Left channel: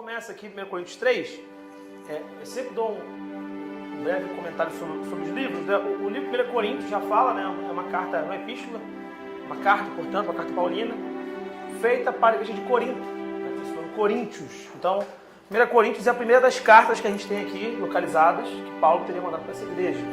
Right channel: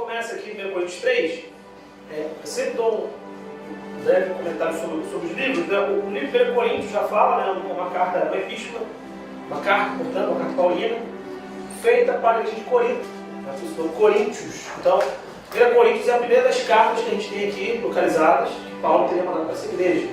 começa aqui em 1 Coríntios 3, eu sempre dou um breve comentário sobre os livros. O livro de 1 Coríntios já fala, né, uma carta, uma epístola, uma carta, portanto, uma carta paulina, feita para a igreja de Corinto, Coríntios. Então, 1 Coríntios é a primeira das cartas que a gente tem aqui, localizadas, que Paulo teria mandado para essa igreja.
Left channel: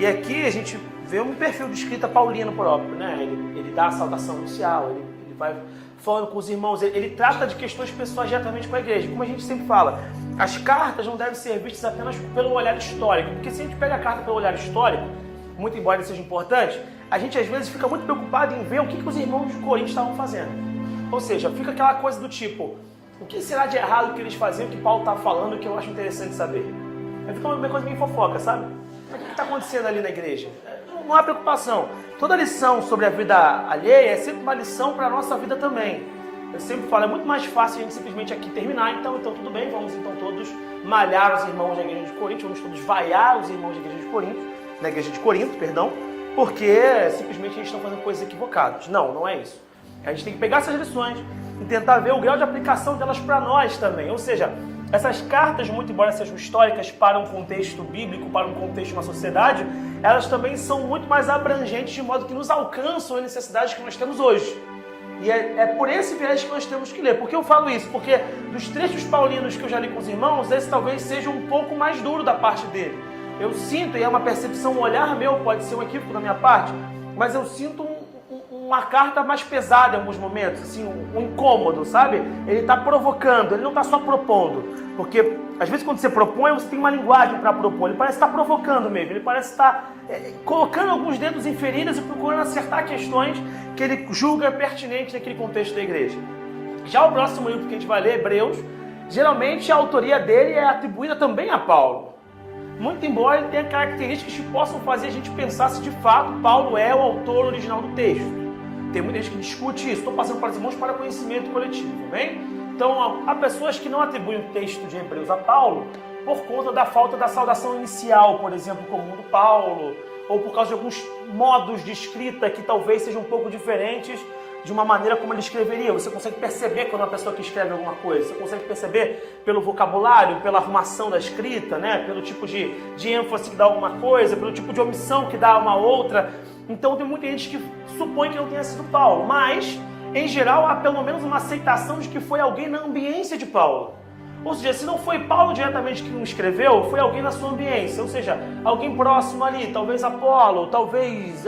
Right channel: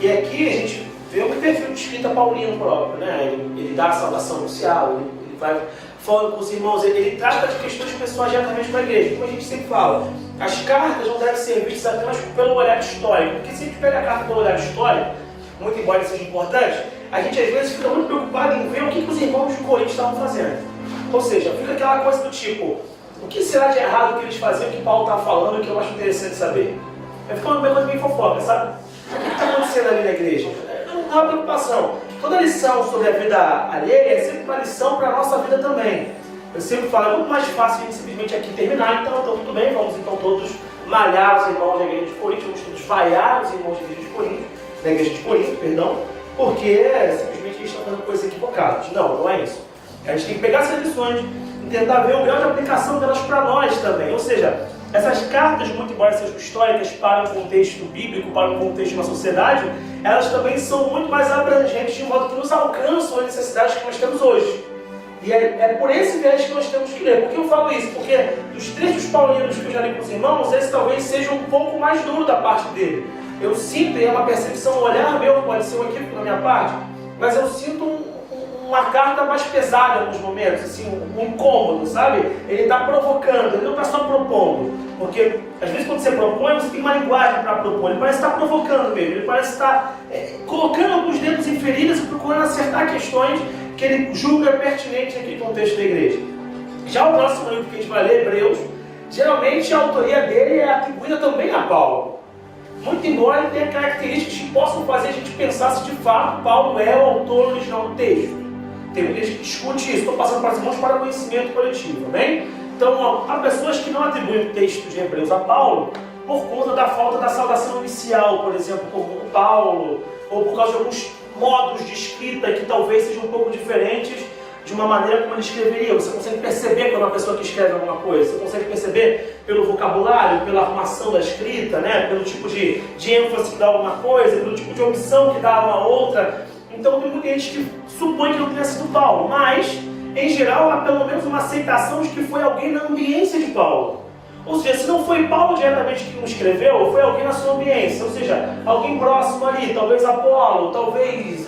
E aqui a gente vê um perfil de escrita paulino próprio, né? Ele dá a saudação inicial, ele vai falando com os irmãos, ele trata de questões pessoais diretamente para a igreja. Como a gente sempre fala, as cartas não devem ser vistas apenas pelo olhar histórico, porque se a gente pega a carta pelo olhar histórico, muito embora seja importante, a gente às vezes fica muito preocupado em ver o que os irmãos de Corinto estavam fazendo. Ou seja, fica aquela coisa do tipo, o que será de errado que eles faziam, que Paulo está falando, que eu acho interessante saber? Vai ficar uma coisa bem fofoca, sabe? O que está acontecendo ali na igreja? Não há preocupação. Toda lição sobre a vida alheia é sempre uma lição para a nossa vida também. Eu sempre falo, é muito mais fácil a gente simplesmente aqui terminar, então tudo bem, vamos então todos malhar os irmãos da igreja de Corinto, vamos todos vaiar os irmãos da igreja de Corinto, porque simplesmente a gente está fazendo coisas equivocadas. Não é isso. A gente tem que pegar essas lições e tentar ver o grau de aplicação delas para nós também. Ou seja, essas cartas, muito embora sejam históricas para um contexto bíblico, para um contexto de uma sociedade, elas também são muito mais abrangentes, de modo que nos alcançam as necessidades que nós temos hoje. E é por esse viés que nós temos que ler. Por que eu falo isso? Porque dos trechos paulinos que eu já li com os irmãos, esse talvez seja um pouco mais duro da parte dele. Eu sinto, e é uma percepção, um olhar meu, pode ser um equívoco da minha parte, mas eu sinto uma carta mais pesada em alguns momentos, assim, um incômodo, sabe? Ele está provocando, ele não está só propondo. Porque, às vezes, quando você propõe, você tem uma linguagem para propor. Ele parece estar provocando mesmo, ele parece estar colocando alguns dedos em feridas e procurando acertar questões que ele julga pertinentes naquele contexto da igreja. Já o próximo livro que a gente vai ler, Hebreus, geralmente a autoria dele é atribuída também a Paulo. Muito embora ele tenha características que possam fazer a gente pensar se de fato Paulo é o autor original do texto. Tem muita gente que discute isso, estou passando para os irmãos para conhecimento coletivo, bem? Então, há pessoas que não atribuem o texto de Hebreus a Paulo por conta da falta da saudação inicial, por exemplo, como Paulo, ou por causa de alguns modos de escrita que talvez sejam um pouco diferentes de uma maneira como ele escreveria. Você consegue perceber quando a pessoa que escreve alguma coisa, você consegue perceber pelo vocabulário, pela arrumação da escrita, né? Pelo tipo de ênfase que dá alguma coisa, pelo tipo de opção que dá uma outra. Então tem muita gente que supõe que não tenha sido Paulo, mas, em geral, há pelo menos uma aceitação de que foi alguém na ambiência de Paulo. Ou seja, se não foi Paulo diretamente que o escreveu, foi alguém na sua ambiência, ou seja, alguém próximo ali, talvez Apolo, talvez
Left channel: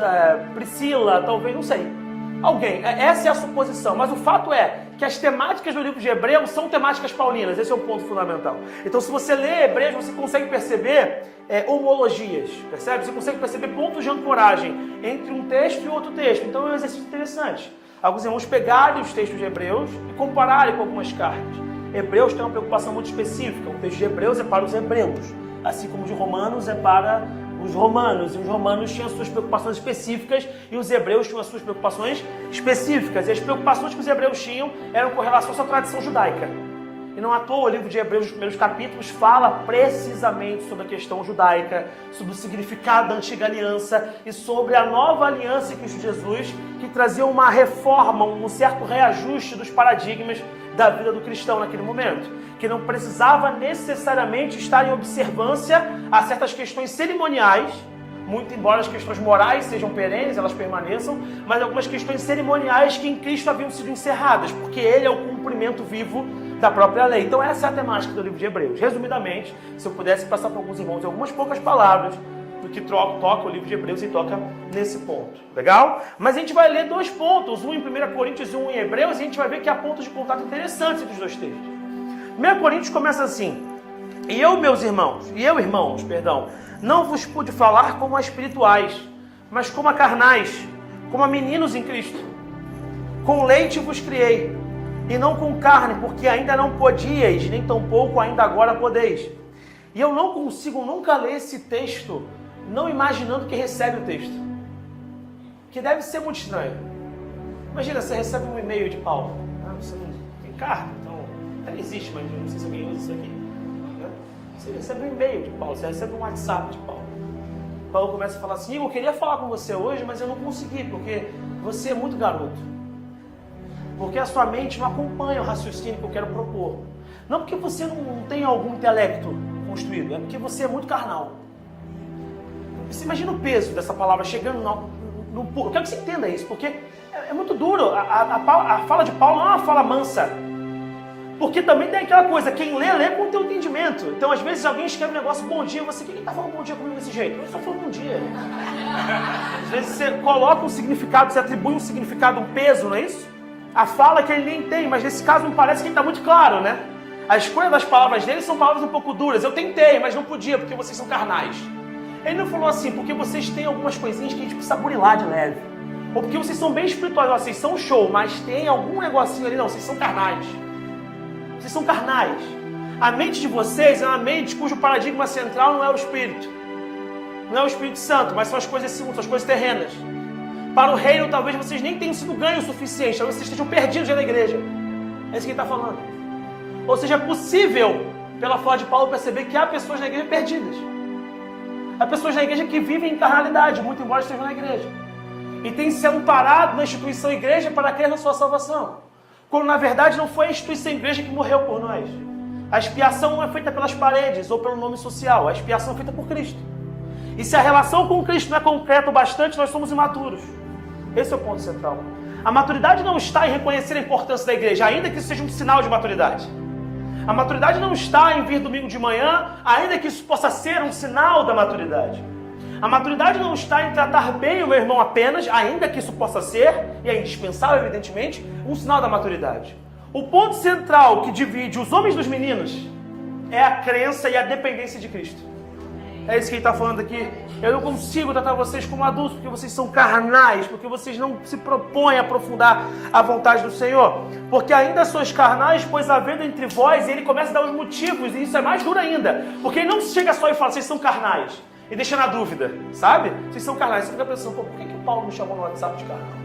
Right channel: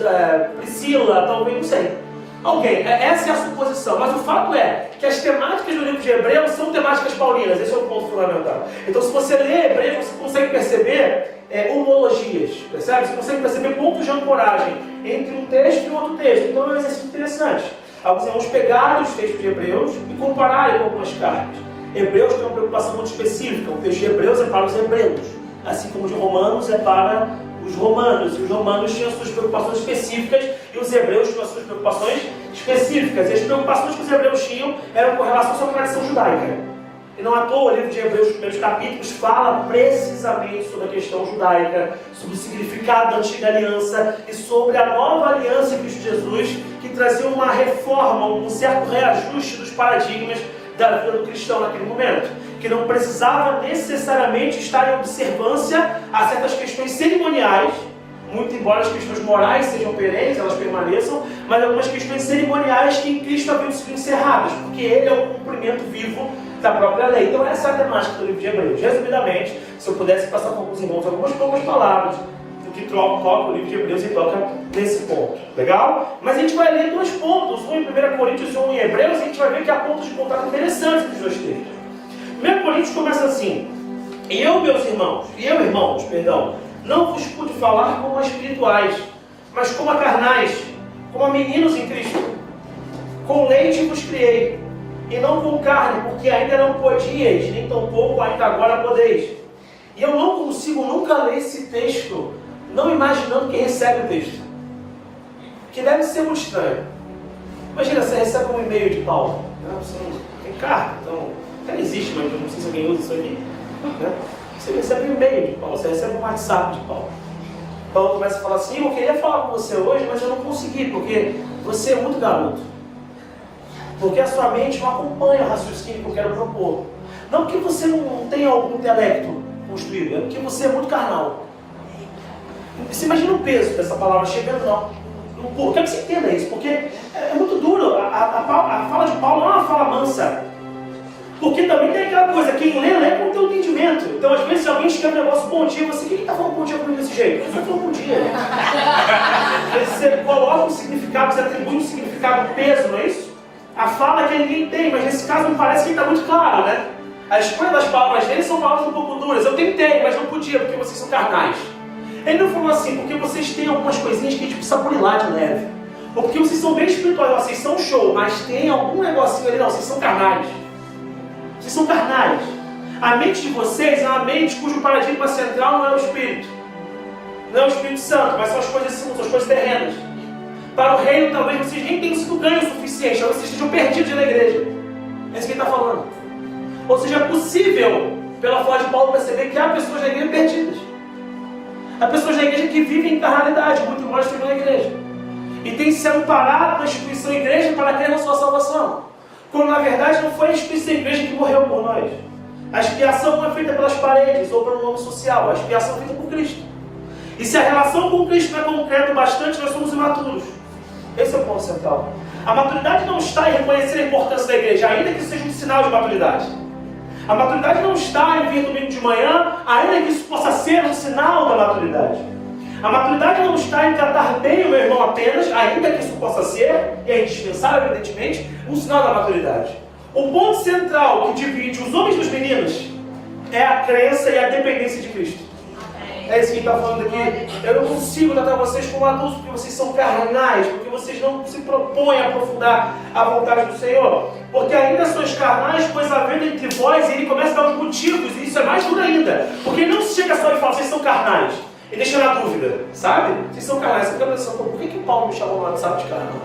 Priscila, talvez, não sei. Alguém, essa é a suposição, mas o fato é que as temáticas do livro de Hebreus são temáticas paulinas, esse é o ponto fundamental. Então, se você lê Hebreus, você consegue perceber homologias, percebe? Você consegue perceber pontos de ancoragem entre um texto e outro texto. Então, é um exercício interessante. Alguns irmãos pegarem os textos de Hebreus e compararem com algumas cartas. Hebreus tem uma preocupação muito específica. O texto de Hebreus é para os hebreus, assim como o de Romanos é para os romanos. E os romanos tinham suas preocupações específicas e os hebreus tinham suas preocupações específicas. E as preocupações que os hebreus tinham eram com relação à sua tradição judaica. E não à toa o livro de Hebreus, os primeiros capítulos, fala precisamente sobre a questão judaica, sobre o significado da antiga aliança e sobre a nova aliança em Cristo Jesus, que trazia uma reforma, um certo reajuste dos paradigmas da vida do cristão naquele momento, que não precisava necessariamente estar em observância a certas questões cerimoniais, muito embora as questões morais sejam perenes, elas permaneçam, mas algumas questões cerimoniais que em Cristo haviam sido encerradas, porque Ele é o cumprimento vivo da própria lei. Então essa é a temática do livro de Hebreus. Resumidamente, se eu pudesse passar para alguns irmãos algumas poucas palavras que toca o livro de Hebreus e toca nesse ponto. Legal? Mas a gente vai ler dois pontos, um em 1 Coríntios e um em Hebreus, e a gente vai ver que há pontos de contato interessantes dos dois textos. 1 Coríntios começa assim: irmãos, não vos pude falar como a espirituais, mas como a carnais, como a meninos em Cristo. Com leite vos criei, e não com carne, porque ainda não podíeis, nem tampouco ainda agora podeis. E eu não consigo nunca ler esse texto não imaginando quem recebe o texto, que deve ser muito estranho. Imagina, você recebe um e-mail de Paulo, você não tem carta, então não existe, mas eu não sei se alguém usa isso aqui, né? Você recebe um e-mail de Paulo, você recebe um WhatsApp de Paulo. Paulo começa a falar assim: eu queria falar com você hoje, mas eu não consegui, porque você é muito garoto, porque a sua mente não acompanha o raciocínio que eu quero propor. Não porque você não tem algum intelecto construído, é porque você é muito carnal. Você imagina o peso dessa palavra chegando no povo. Quero que você entenda isso, porque é muito duro. A fala de Paulo não é uma fala mansa. Porque também tem aquela coisa, quem lê com o teu entendimento. Então, às vezes, se alguém escreve um negócio bom dia, você, quem está falando bom dia comigo desse jeito? Eu só falo bom dia. Você coloca um significado, você atribui um significado, um peso, não é isso? A fala que ninguém tem, mas nesse caso me parece que está muito claro, né? A escolha das palavras dele são palavras um pouco duras. Eu tentei, mas não podia, porque vocês são carnais. Ele não falou assim, porque vocês têm algumas coisinhas que a gente precisa burilar de leve. Ou porque vocês são bem espirituais, vocês são show, mas tem algum negocinho ali, não, vocês são carnais. Vocês são carnais. A mente de vocês é uma mente cujo paradigma central não é o Espírito. Não é o Espírito Santo, mas são as coisas são as coisas terrenas. Para o reino, talvez vocês nem tenham sido ganhos o suficiente, talvez vocês estejam perdidos na igreja. É isso que ele está falando. Ou seja, é possível, pela fala de Paulo, perceber que há pessoas na igreja perdidas. Há pessoas na igreja que vivem em carnalidade, muito embora estejam na igreja. E têm se amparado na instituição igreja para crer na sua salvação. Quando na verdade não foi a instituição igreja que morreu por nós. A expiação não é feita pelas paredes ou pelo nome social, a expiação é feita por Cristo. E se a relação com Cristo não é concreta o bastante, nós somos imaturos. Esse é o ponto central. A maturidade não está em reconhecer a importância da igreja, ainda que isso seja um sinal de maturidade. A maturidade não está em vir domingo de manhã, ainda que isso possa ser um sinal da maturidade. A maturidade não está em tratar bem o meu irmão apenas, ainda que isso possa ser, e é indispensável, evidentemente, um sinal da maturidade. O ponto central que divide os homens dos meninos é a crença e a dependência de Cristo. É isso que ele está falando aqui. Eu não consigo tratar vocês como adultos, porque vocês são carnais, porque vocês não se propõem a aprofundar a vontade do Senhor. Porque ainda sois carnais, pois havendo entre vós, e ele começa a dar os motivos, e isso é mais duro ainda. Porque ele não chega só e fala, vocês são carnais. E deixa na dúvida, sabe? Vocês são carnais. Você fica pensando, por que o Paulo me chamou lá no sábado de carnal?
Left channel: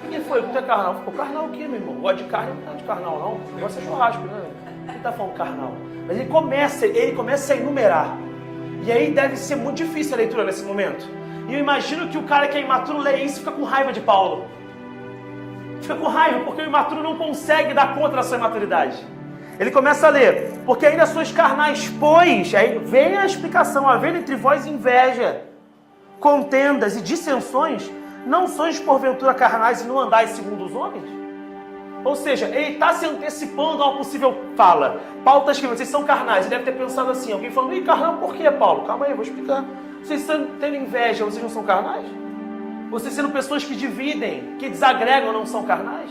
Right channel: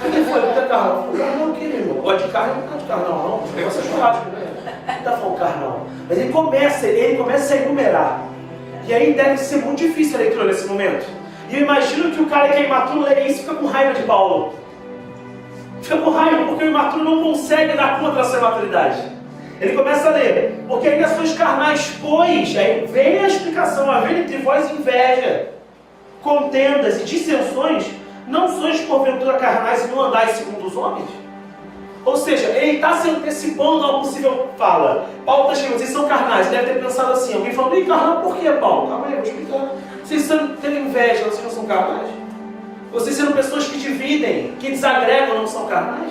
Por que foi? Por que carnal? O carnal o quê, meu irmão? Gosta de carne? Não gosta de carnal, não. O negócio é churrasco, né? Não está falando carnal. Mas ele começa a enumerar. E aí deve ser muito difícil a leitura nesse momento. E eu imagino que o cara que é imaturo lê isso e fica com raiva de Paulo. Fica com raiva porque o imaturo não consegue dar conta da sua imaturidade. Ele começa a ler, porque ainda sois carnais, pois, aí vem a explicação, havendo entre vós inveja, contendas e dissensões, não sois porventura carnais e não andais segundo os homens? Ou seja, ele está se antecipando a uma possível fala. Paulo está escrevendo, vocês são carnais, ele deve ter pensado assim, alguém falando, e carnal por quê, Paulo? Calma aí, vou explicar. Vocês têm inveja, vocês não são carnais? Vocês sendo pessoas que dividem, que desagregam, não são carnais?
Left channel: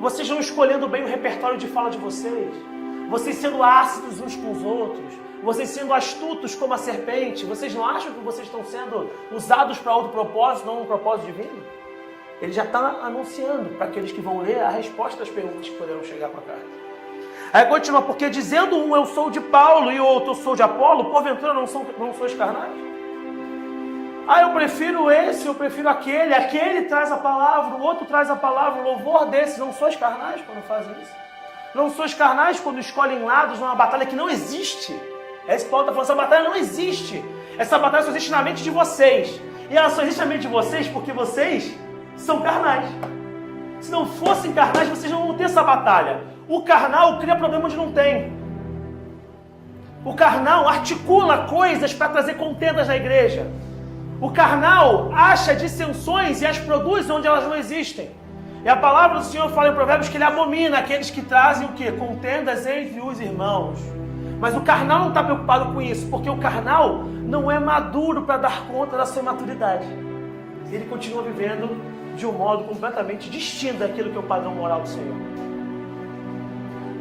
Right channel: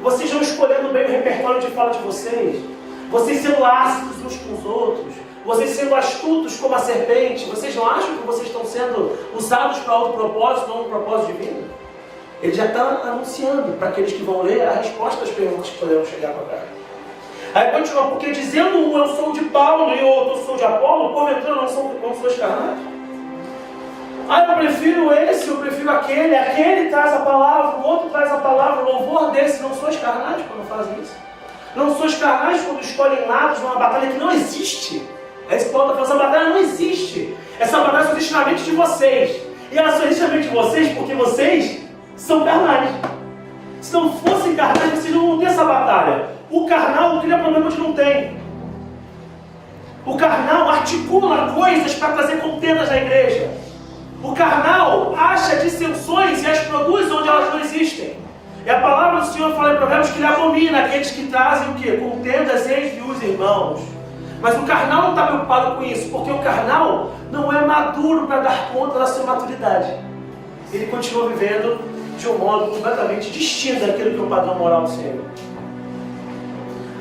Vocês estão escolhendo bem o repertório de fala de vocês? Vocês sendo ácidos uns com os outros, vocês sendo astutos como a serpente, vocês não acham que vocês estão sendo usados para outro propósito, não um propósito divino? Ele já está anunciando para aqueles que vão ler a resposta às perguntas que poderão chegar para cá. Aí continua, porque dizendo um eu sou de Paulo e o outro eu sou de Apolo, porventura não sois carnais? Eu prefiro esse, eu prefiro aquele traz a palavra, o outro traz a palavra, o louvor desse, não sois carnais quando fazem isso? Não sois carnais quando escolhem lados numa batalha que não existe. É isso que Paulo está falando, essa batalha não existe. Essa batalha só existe na mente de vocês. E ela só existe na mente de vocês porque vocês são carnais. Se não fossem carnais, vocês não vão ter essa batalha. O carnal cria problema onde não tem. O carnal articula coisas para trazer contendas na igreja. O carnal acha dissensões e as produz onde elas não existem. E a palavra do Senhor fala em Provérbios que ele abomina aqueles que trazem o quê? Contendas entre os irmãos. Mas o carnal não está preocupado com isso, porque o carnal não é maduro para dar conta da sua maturidade. Ele continua vivendo de um modo completamente distinto daquilo que é o padrão moral do Senhor.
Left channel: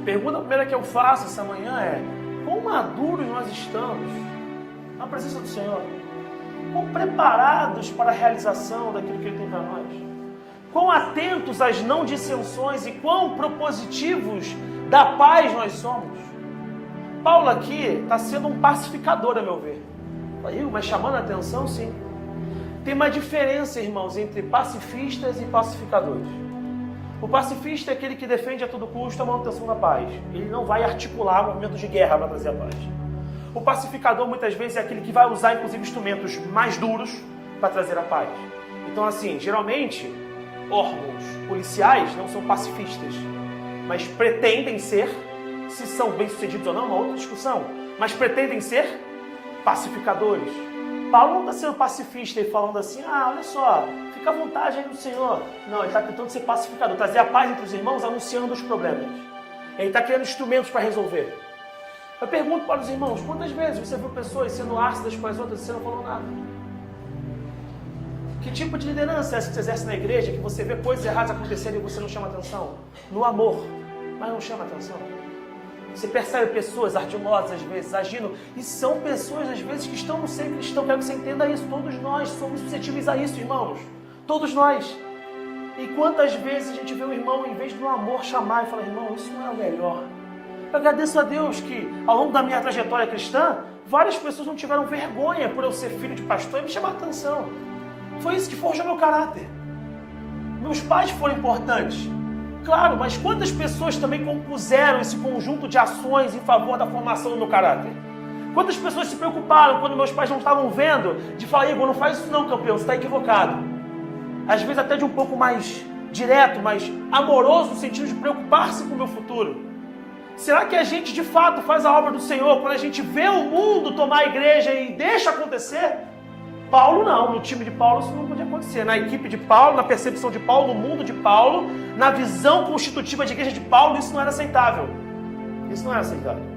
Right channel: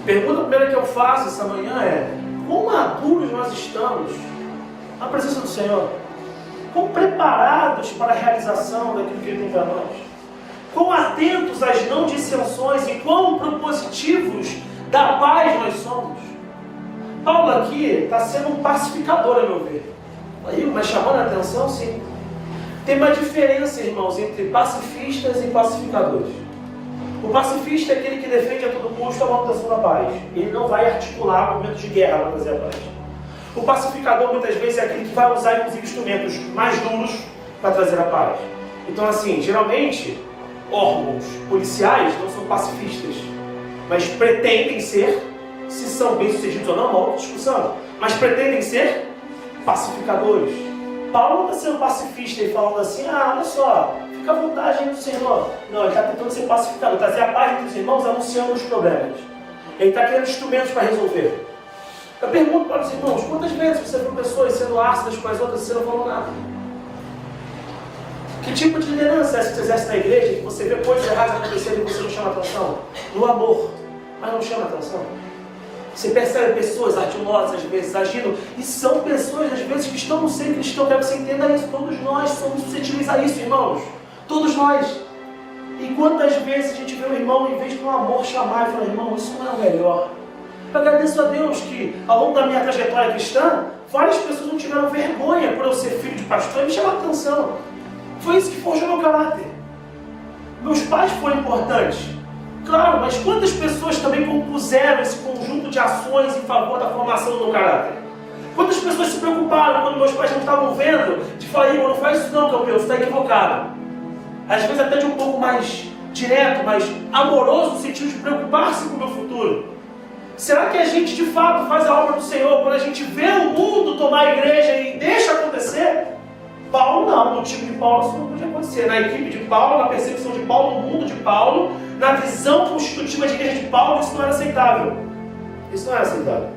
A pergunta primeira que eu faço essa manhã é: quão maduros nós estamos na presença do Senhor? Quão preparados para a realização daquilo que Ele tem para nós? Quão atentos às não dissensões e quão propositivos da paz nós somos? Paulo aqui está sendo um pacificador, a meu ver. Aí, mas chamando a atenção, sim. Tem uma diferença, irmãos, entre pacifistas e pacificadores. O pacifista é aquele que defende a todo custo a manutenção da paz. Ele não vai articular movimentos de guerra para trazer a paz. O pacificador, muitas vezes, é aquele que vai usar, inclusive, instrumentos mais duros para trazer a paz. Então, assim, geralmente, órgãos policiais não são pacifistas, mas pretendem ser, se são bem-sucedidos ou não, é uma outra discussão, mas pretendem ser pacificadores. Paulo não está sendo pacifista e falando assim, olha só, fica à vontade aí no Senhor. Não, ele está tentando ser pacificador, trazer a paz entre os irmãos, anunciando os problemas. Ele está criando instrumentos para resolver. Eu pergunto para os irmãos, quantas vezes você viu pessoas sendo ácidas com as outras e você não falou nada? Que tipo de liderança é essa que você exerce na igreja, que você vê coisas erradas acontecendo e você não chama atenção? No amor, mas não chama atenção. Você percebe pessoas ardiosas, às vezes, agindo, e são pessoas, às vezes, que estão no seio cristão. Quero que você entenda isso. Todos nós somos suscetíveis a isso, irmãos. Todos nós. E quantas vezes a gente vê o irmão, em vez de no amor chamar e falar, irmão, isso não é o melhor. Eu agradeço a Deus que, ao longo da minha trajetória cristã, várias pessoas não tiveram vergonha por eu ser filho de pastor e me chamaram a atenção. Foi isso que forjou meu caráter. Meus pais foram importantes. Claro, mas quantas pessoas também compuseram esse conjunto de ações em favor da formação do meu caráter? Quantas pessoas se preocuparam quando meus pais não estavam vendo, de falar, Igor, não faz isso não, campeão, você está equivocado. Às vezes até de um pouco mais direto, mais amoroso, no sentido de preocupar-se com o meu futuro. Será que a gente de fato faz a obra do Senhor quando a gente vê o mundo tomar a igreja e deixa acontecer? Paulo não, no time de Paulo isso não podia acontecer. Na equipe de Paulo, na percepção de Paulo, no mundo de Paulo, na visão constitutiva de igreja de Paulo, isso não era aceitável. Isso não era aceitável.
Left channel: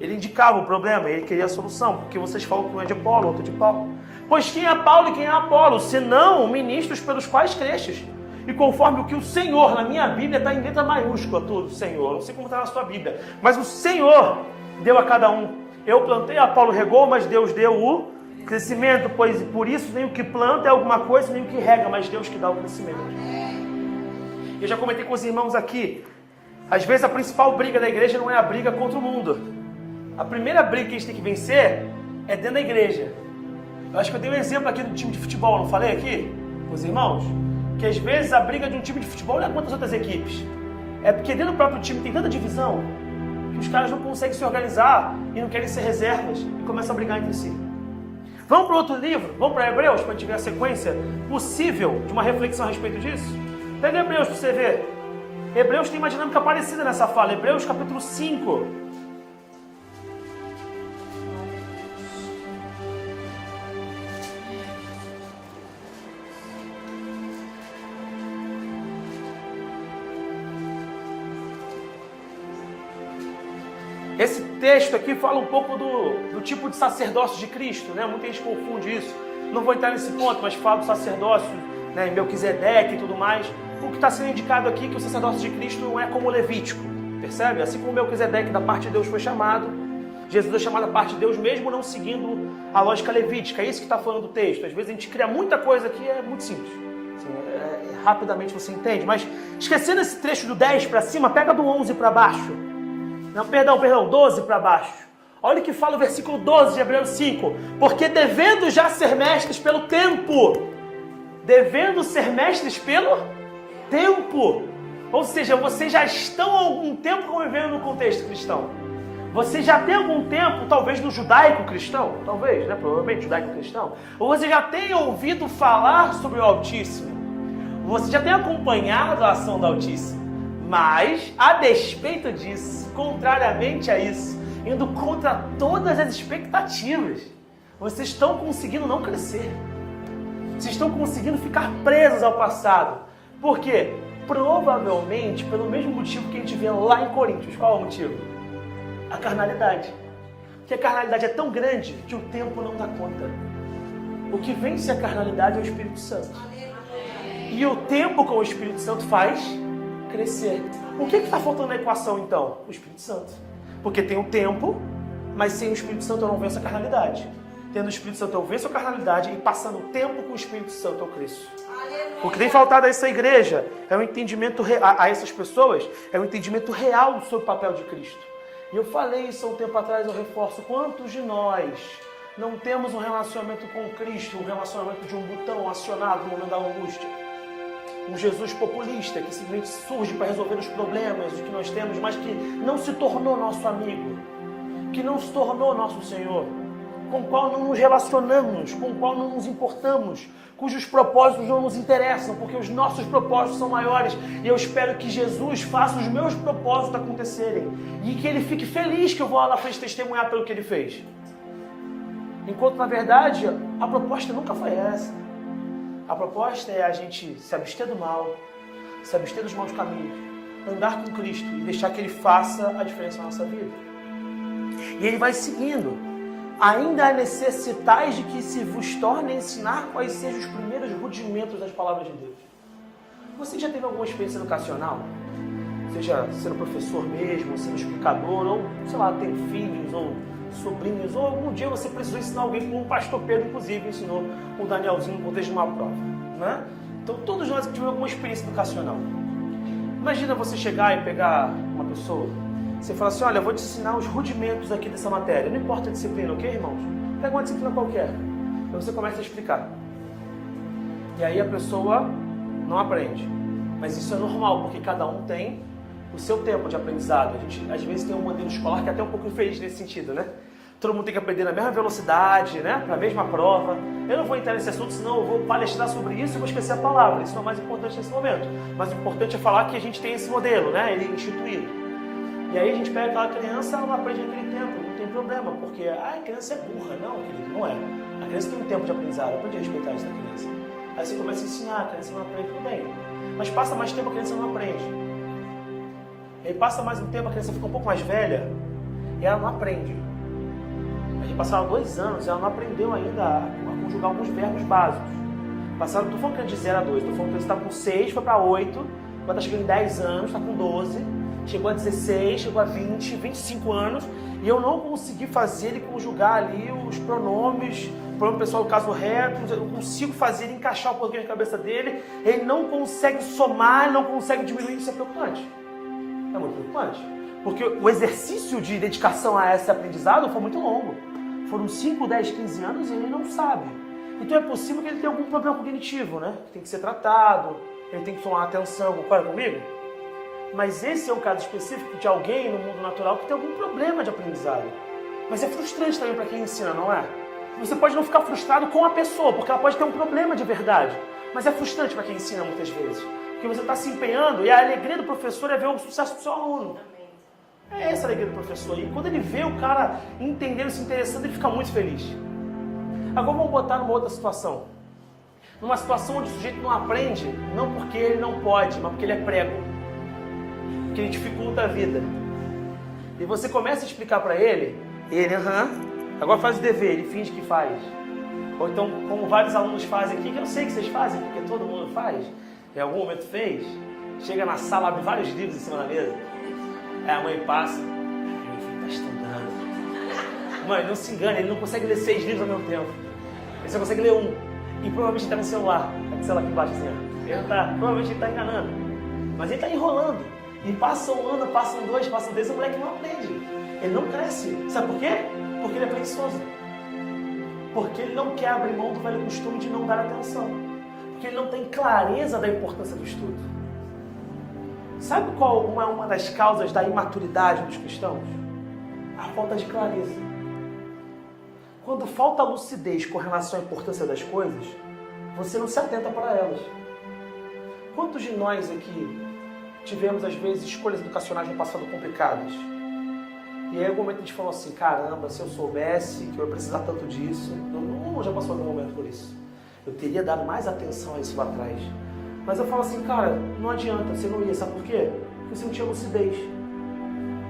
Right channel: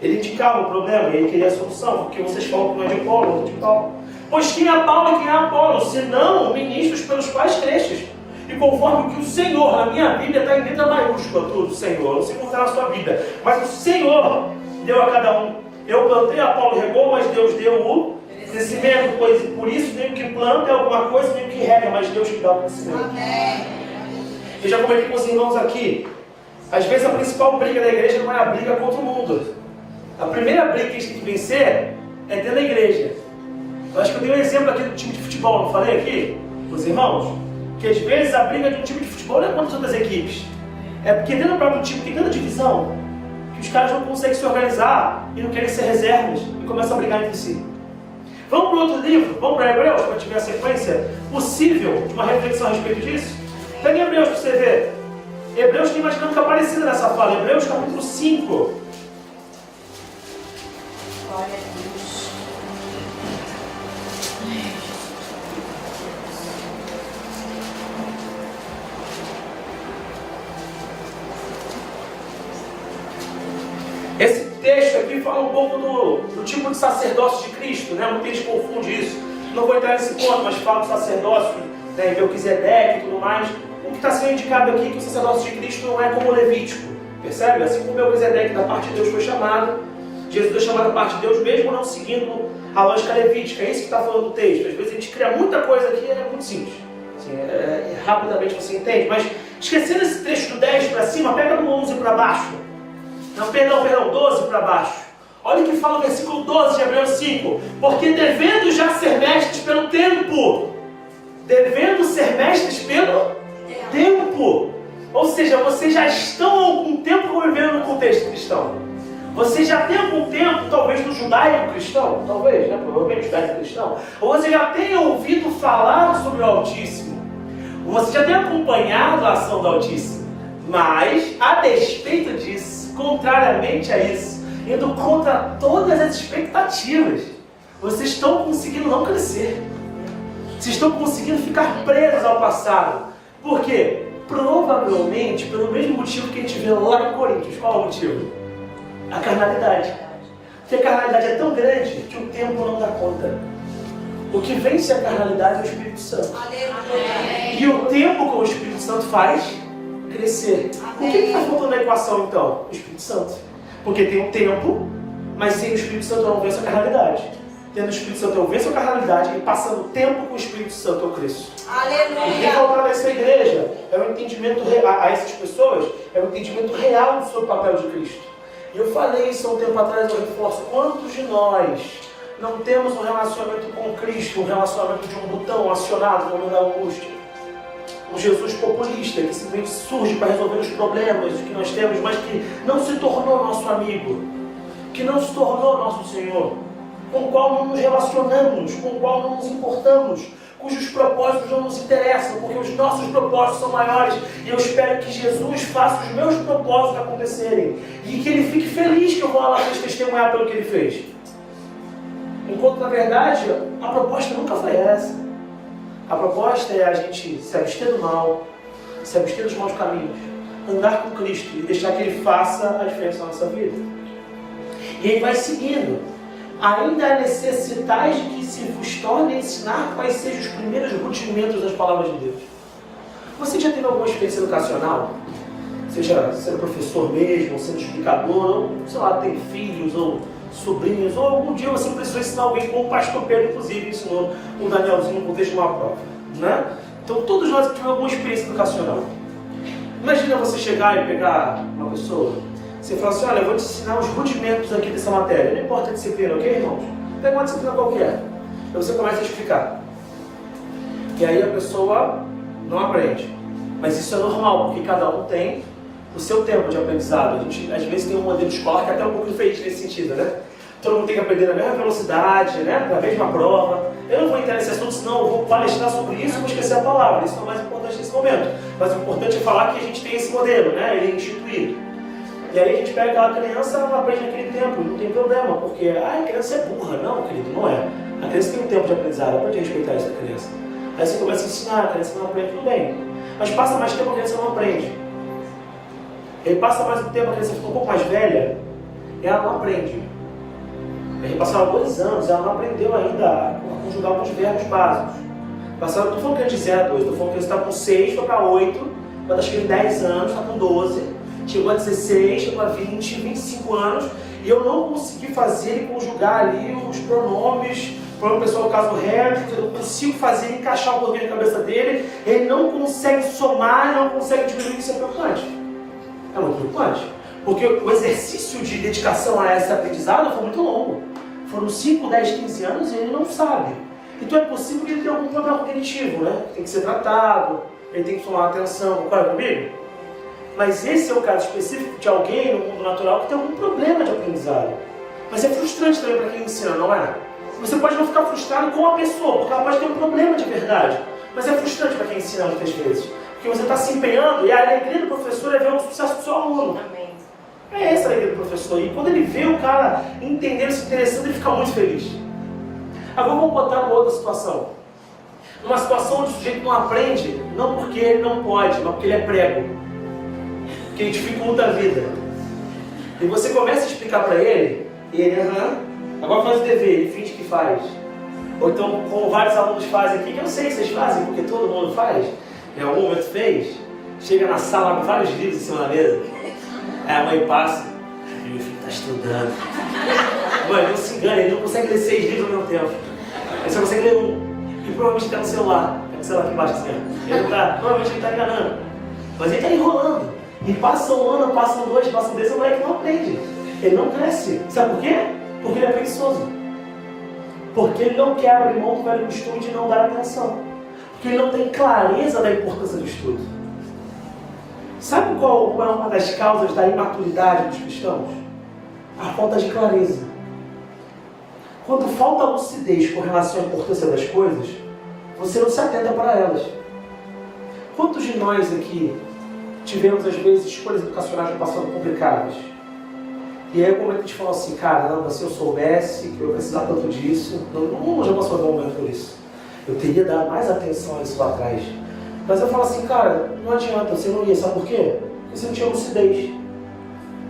Ele indicava o problema e ele queria a solução, porque vocês falam que não é de Paulo, outro de Paulo. Pois quem é Paulo e quem é Apolo, senão ministros pelos quais crestes. E conforme o que o Senhor, na minha Bíblia, está em letra maiúscula, tudo, Senhor. Não sei como está na sua Bíblia, mas o Senhor deu a cada um. Eu plantei, Apolo regou, mas Deus deu o crescimento, pois por isso nem o que planta é alguma coisa, nem o que rega, mas Deus que dá o crescimento. Amém. Eu já comentei com os irmãos aqui, às vezes a principal briga da igreja não é a briga contra o mundo. A primeira briga que a gente tem que vencer é dentro da igreja. Eu acho que eu dei um exemplo aqui do time de futebol, não falei aqui? Os irmãos? Que às vezes a briga de um time de futebol não é contra as outras equipes. É porque dentro do próprio time tem tanta divisão que os caras não conseguem se organizar e não querem ser reservas e começam a brigar entre si. Vamos para outro livro? Vamos para Hebreus, para a gente ver a sequência possível de uma reflexão a respeito disso? Pega Hebreus para você ver. Hebreus tem uma dinâmica parecida nessa fala. Hebreus capítulo 5. Glória a Deus. Esse texto aqui fala um pouco do tipo de sacerdócio de Cristo, né? Muita gente confunde isso. Não vou entrar nesse ponto, mas fala do sacerdócio, né, em Melquisedeque e tudo mais. O que está sendo indicado aqui é que o sacerdócio de Cristo não é como o levítico, percebe? Assim como Melquisedeque da parte de Deus foi chamado, Jesus foi chamado da parte de Deus, mesmo não seguindo a lógica levítica. É isso que está falando do texto. Às vezes a gente cria muita coisa aqui, é muito simples. Assim, rapidamente você entende. Mas esquecendo esse trecho do 10 para cima, pega do 11 para baixo. Não, perdão, 12 para baixo. Olha o que fala o versículo 12 de Hebreus 5. Porque devendo já ser mestres pelo tempo. Devendo ser mestres pelo tempo. Ou seja, vocês já estão há algum tempo convivendo no contexto cristão. Vocês já têm algum tempo, talvez no judaico cristão, talvez, né? Provavelmente judaico cristão. Ou você já tenha ouvido falar sobre o Altíssimo. Você já tem acompanhado a ação do Altíssimo. Mas, a despeito disso, contrariamente a isso, indo contra todas as expectativas, vocês estão conseguindo não crescer. Vocês estão conseguindo ficar presos ao passado. Por quê? Provavelmente pelo mesmo motivo que a gente vê lá em Coríntios. Qual é o motivo? A carnalidade. Porque a carnalidade é tão grande que o tempo não dá conta. O que vence a carnalidade é o Espírito Santo. Aleluia. E o tempo com o Espírito Santo faz crescer. O que está faltando na equação então? O Espírito Santo. Porque tem o tempo, mas sem o Espírito Santo eu não venço a carnalidade. Tendo o Espírito Santo eu venço a carnalidade e passando tempo com o Espírito Santo eu cresço. Aleluia. O que vem faltado a essa igreja é o entendimento a essas pessoas, é o entendimento real do seu papel de Cristo. E eu falei isso há um tempo atrás, eu reforço, quantos de nós não temos um relacionamento com Cristo, um relacionamento de um botão acionado no momento da angústia? Um Jesus populista que simplesmente surge para resolver os problemas que nós temos, mas que não se tornou nosso amigo, que não se tornou nosso Senhor, com o qual não nos relacionamos, com o qual não nos importamos, cujos propósitos não nos interessam, porque os nossos propósitos são maiores. E eu espero que Jesus faça os meus propósitos acontecerem. E que Ele fique feliz que eu vou lá testemunhar pelo que Ele fez. Enquanto, na verdade, a proposta nunca foi essa. A proposta é a gente se abster do mal, se abster dos maus caminhos, andar com Cristo e deixar que Ele faça a diferença na nossa vida. E aí vai seguindo. Ainda necessitais de que se vos torne a ensinar quais sejam os primeiros rudimentos das palavras de Deus. Você já teve alguma experiência educacional? Seja sendo professor mesmo, sendo explicador, ou, sei lá, tem filhos, ou sobrinhos, ou algum dia você precisou ensinar alguém, como o pastor Pedro, inclusive, ensinou o Danielzinho no contexto de uma prova. Né? Então, todos nós tivemos alguma experiência educacional. Imagina você chegar e pegar uma pessoa, você fala assim, olha, eu vou te ensinar os rudimentos aqui dessa matéria. Não importa a disciplina, ok, irmãos? Pega uma disciplina qualquer. Aí você começa a explicar. E aí a pessoa não aprende. Mas isso é normal, porque cada um tem o seu tempo de aprendizado. A gente, às vezes, tem um modelo escolar que é até um pouco diferente nesse sentido, né? Todo mundo tem que aprender na mesma velocidade, né? Na mesma prova. Eu não vou entrar nesse assunto, senão eu vou palestrar sobre isso e vou esquecer a palavra. Isso não é o mais importante nesse momento. Mas o importante é falar que a gente tem esse modelo, né? Ele é instituído. E aí a gente pega aquela criança, ela não aprende naquele tempo, não tem problema, porque a criança é burra. Não, querido, não é. A criança tem um tempo de aprendizado, aprende a respeitar essa criança. Aí você começa a ensinar, a criança não aprende, tudo bem. Mas passa mais tempo, a criança não aprende. Aí passa mais um tempo, a criança fica um pouco mais velha, e ela não aprende. Aí passaram 2 anos, ela não aprendeu ainda a conjugar alguns verbos básicos. Passaram, estou falando que é de 0 a 2, estou falando que ele está com 6, foi para 8, mas acho que ele 10 anos, está com 12. Chegou a 16, chegou a 20, 25 anos, e eu não consegui fazer ele conjugar ali os pronomes, pronome pessoal do caso reto, eu não consigo fazer ele encaixar o português na cabeça dele, ele não consegue somar, ele não consegue diminuir, isso é preocupante. É muito preocupante, porque o exercício de dedicação a esse aprendizado foi muito longo. Foram 5, 10, 15 anos e ele não sabe. Então é possível que ele tenha algum problema cognitivo, né? Tem que ser tratado, ele tem que tomar atenção, concorda comigo? Mas esse é o caso específico de alguém no mundo natural que tem algum problema de aprendizado. Mas é frustrante também para quem ensina, não é? Você pode não ficar frustrado com a pessoa, porque ela pode ter um problema de verdade. Mas é frustrante para quem ensina muitas vezes. Porque você está se empenhando e a alegria do professor é ver o sucesso do seu aluno. Amém. É essa a alegria do professor. E quando ele vê o cara entendendo, se interessando, ele fica muito feliz. Agora vamos botar uma outra situação. Numa situação onde o sujeito não aprende, não porque ele não pode, mas porque ele é prego. Que dificulta a vida. E você começa a explicar para ele, agora faz o dever, ele finge que faz. Ou então, como vários alunos fazem aqui, que eu sei que vocês fazem, porque todo mundo faz, em algum momento fez, chega na sala com vários livros em cima da mesa, aí a mãe passa, meu filho está estudando. Mãe, não se engane, ele não consegue ler 6 livros ao mesmo tempo. Ele só consegue ler um. E provavelmente está no celular. É com o celular que baixa assim. Provavelmente ele está enganando. Mas ele está enrolando. E passa um ano, passam 2, passam 10, o moleque não aprende. Ele não cresce. Sabe por quê? Porque ele é preguiçoso. Porque ele não quer abrir mão do velho costume de não dar atenção. Porque ele não tem clareza da importância do estudo. Sabe qual é uma das causas da imaturidade dos cristãos? A falta de clareza. Quando falta lucidez com relação à importância das coisas, você não se atenta para elas. Quantos de nós aqui tivemos, às vezes, escolhas educacionais no passado complicadas? E aí, o momento a gente falou assim, cara, não, se eu soubesse que eu precisava tanto disso, não já passou algum momento por isso. Eu teria dado mais atenção a isso lá atrás. Mas eu falo assim, cara, não adianta, você não ia, sabe por quê? Porque você não tinha lucidez.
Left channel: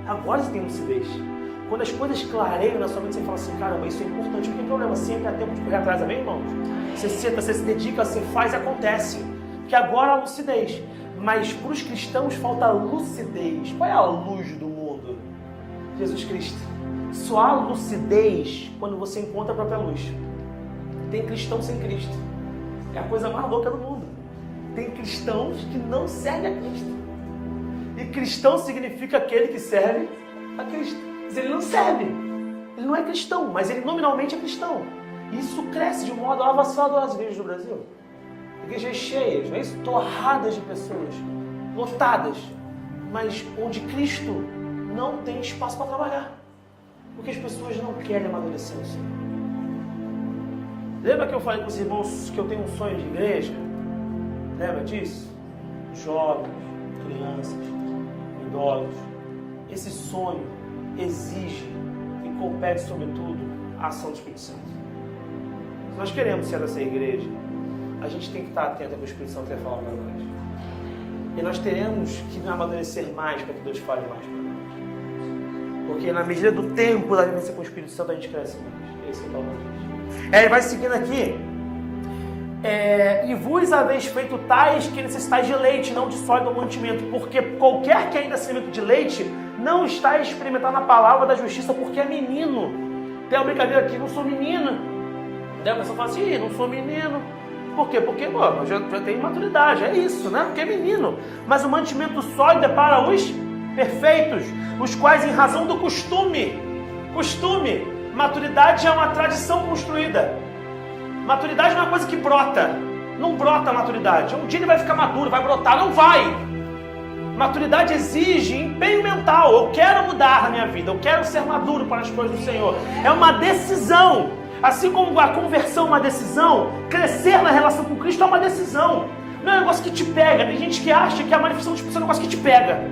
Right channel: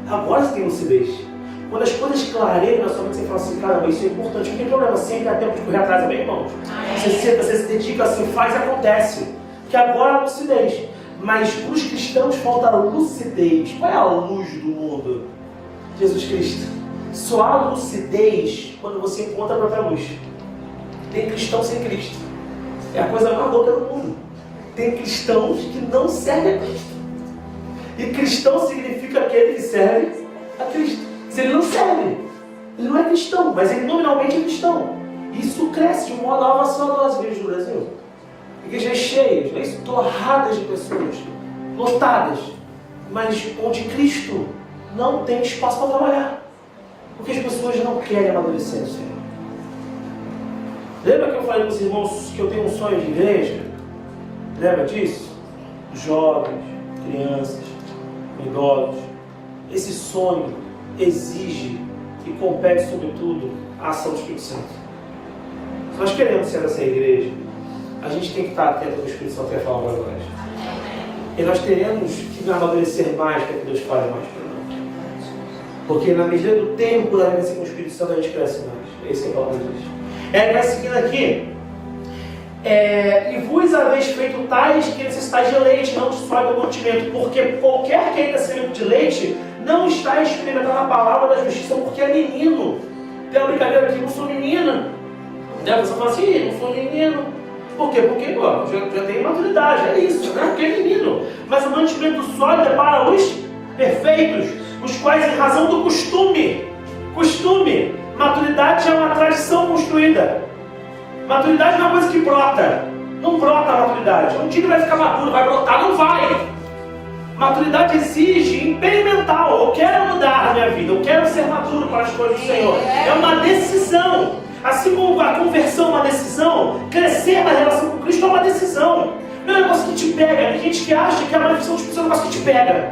Agora você tem lucidez. Quando as coisas clareiam na sua mente, você fala assim, caramba, isso é importante, não tem problema, sempre há tempo de correr atrás, amém, irmãos? Você senta, você se dedica assim, faz e acontece. Porque agora há lucidez. Mas para os cristãos falta lucidez. Qual é a luz do mundo? Jesus Cristo. Só há lucidez quando você encontra a própria luz. Tem cristão sem Cristo. É a coisa mais louca do mundo. Tem cristãos que não servem a Cristo. E cristão significa aquele que serve a Cristo. Se ele não serve, ele não é cristão, mas ele nominalmente é cristão. E isso cresce de um modo avassalador às igrejas do Brasil. Igrejas cheias, torradas de pessoas, lotadas, mas onde Cristo não tem espaço para trabalhar. Porque as pessoas não querem amadurecer no Senhor. Lembra que eu falei com os irmãos que eu tenho um sonho de igreja? Lembra disso? Jovens, crianças, idosos. Esse sonho exige e compete, sobretudo, a ação do Espírito Santo. Se nós queremos ser essa igreja, a gente tem que estar atento ao que o Espírito Santo quer falar para nós. E nós teremos que amadurecer mais para que Deus fale mais para nós. Porque na medida do tempo da vivência com o Espírito Santo, a gente cresce mais. Esse é o palavra de Deus. Vai seguindo aqui. E vos haveis feito tais que necessitais de leite, não de sólido mantimento, porque qualquer que ainda semente de leite não está experimentando a palavra da justiça, porque é menino. Tem uma brincadeira aqui, não sou menina. Você fala assim, não sou menino. Por quê? Porque já tem maturidade, é isso, né? Porque é menino. Mas o mantimento sólido é para os perfeitos, os quais em razão do costume, maturidade é uma tradição construída. Maturidade não é uma coisa que brota. Não brota a maturidade. Um dia ele vai ficar maduro, vai brotar, não vai. Maturidade exige empenho mental. Eu quero mudar na minha vida, eu quero ser maduro para as coisas do Senhor. É uma decisão. Assim como a conversão é uma decisão, crescer na relação com Cristo é uma decisão. Não é um negócio que te pega. Tem gente que acha que a manifestação do Espírito Santo é um negócio que te pega.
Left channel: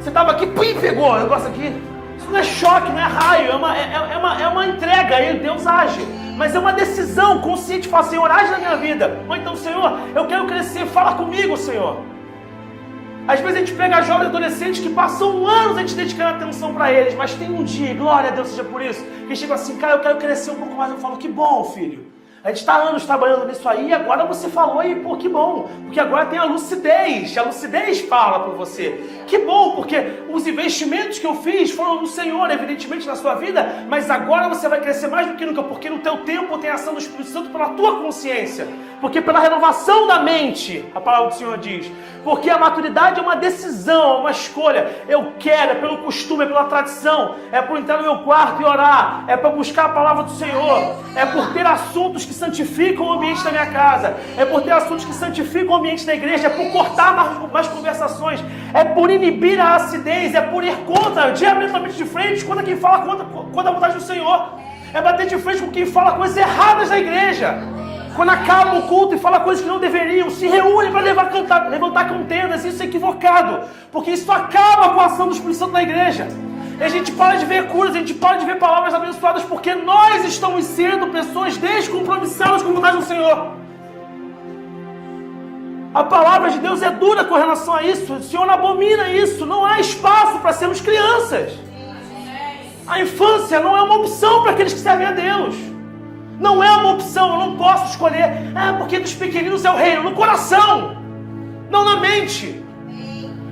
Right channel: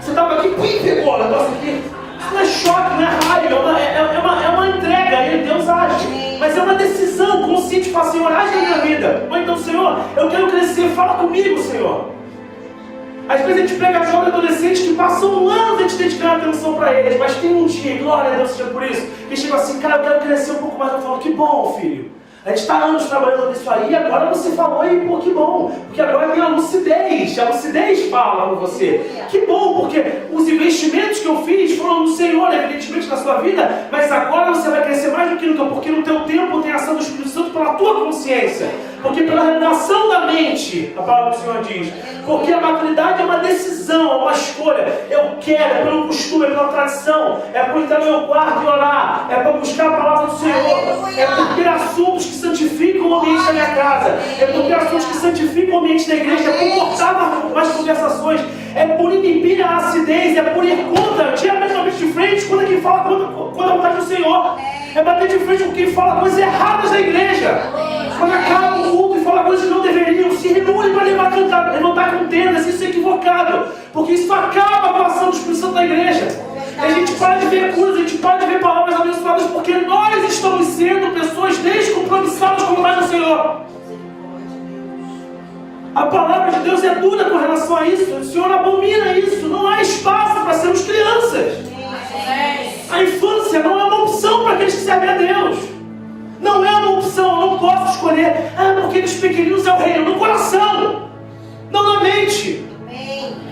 Você estava aqui, pim, pegou. O negócio aqui. Isso não é choque, não é raio. É uma entrega. E Deus age. Mas é uma decisão consciente de falar, Senhor, age na minha vida. Ou então, Senhor, eu quero crescer, fala comigo, Senhor. Às vezes a gente pega jovens e adolescentes que passam anos a gente dedicando atenção para eles, mas tem um dia, glória a Deus seja por isso, que chega assim, cara, eu quero crescer um pouco mais. Eu falo, que bom, filho. A gente está anos trabalhando nisso aí, agora você falou e, pô, que bom, porque agora tem a lucidez fala para você. Que bom, porque os investimentos que eu fiz foram no Senhor, evidentemente, na sua vida, mas agora você vai crescer mais do que nunca, porque no teu tempo tem a ação do Espírito Santo pela tua consciência, porque pela renovação da mente, a palavra do Senhor diz, porque a maturidade é uma decisão, é uma escolha. Eu quero, é pelo costume, é pela tradição, é por entrar no meu quarto e orar, é para buscar a palavra do Senhor, é por ter assuntos que santificam o ambiente da minha casa, é por ter assuntos que santificam o ambiente da igreja, é por cortar mais conversações, é por inibir a acidez, é por ir contra, diametralmente de frente, contra quem fala contra a vontade do Senhor, é bater de frente com quem fala coisas erradas da igreja. Quando acaba o culto e fala coisas que não deveriam, se reúne para levantar contendas, isso é equivocado, porque isso acaba com a ação do Espírito Santo na igreja. A gente para de ver curas, a gente para de ver palavras abençoadas, porque nós estamos sendo pessoas descompromissadas com a vontade do Senhor. A palavra de Deus é dura com relação a isso, o Senhor abomina isso, não há espaço para sermos crianças. A infância não é uma opção para aqueles que servem a Deus. Não é uma opção, eu não posso escolher, porque dos pequeninos é o reino, no coração, não na mente.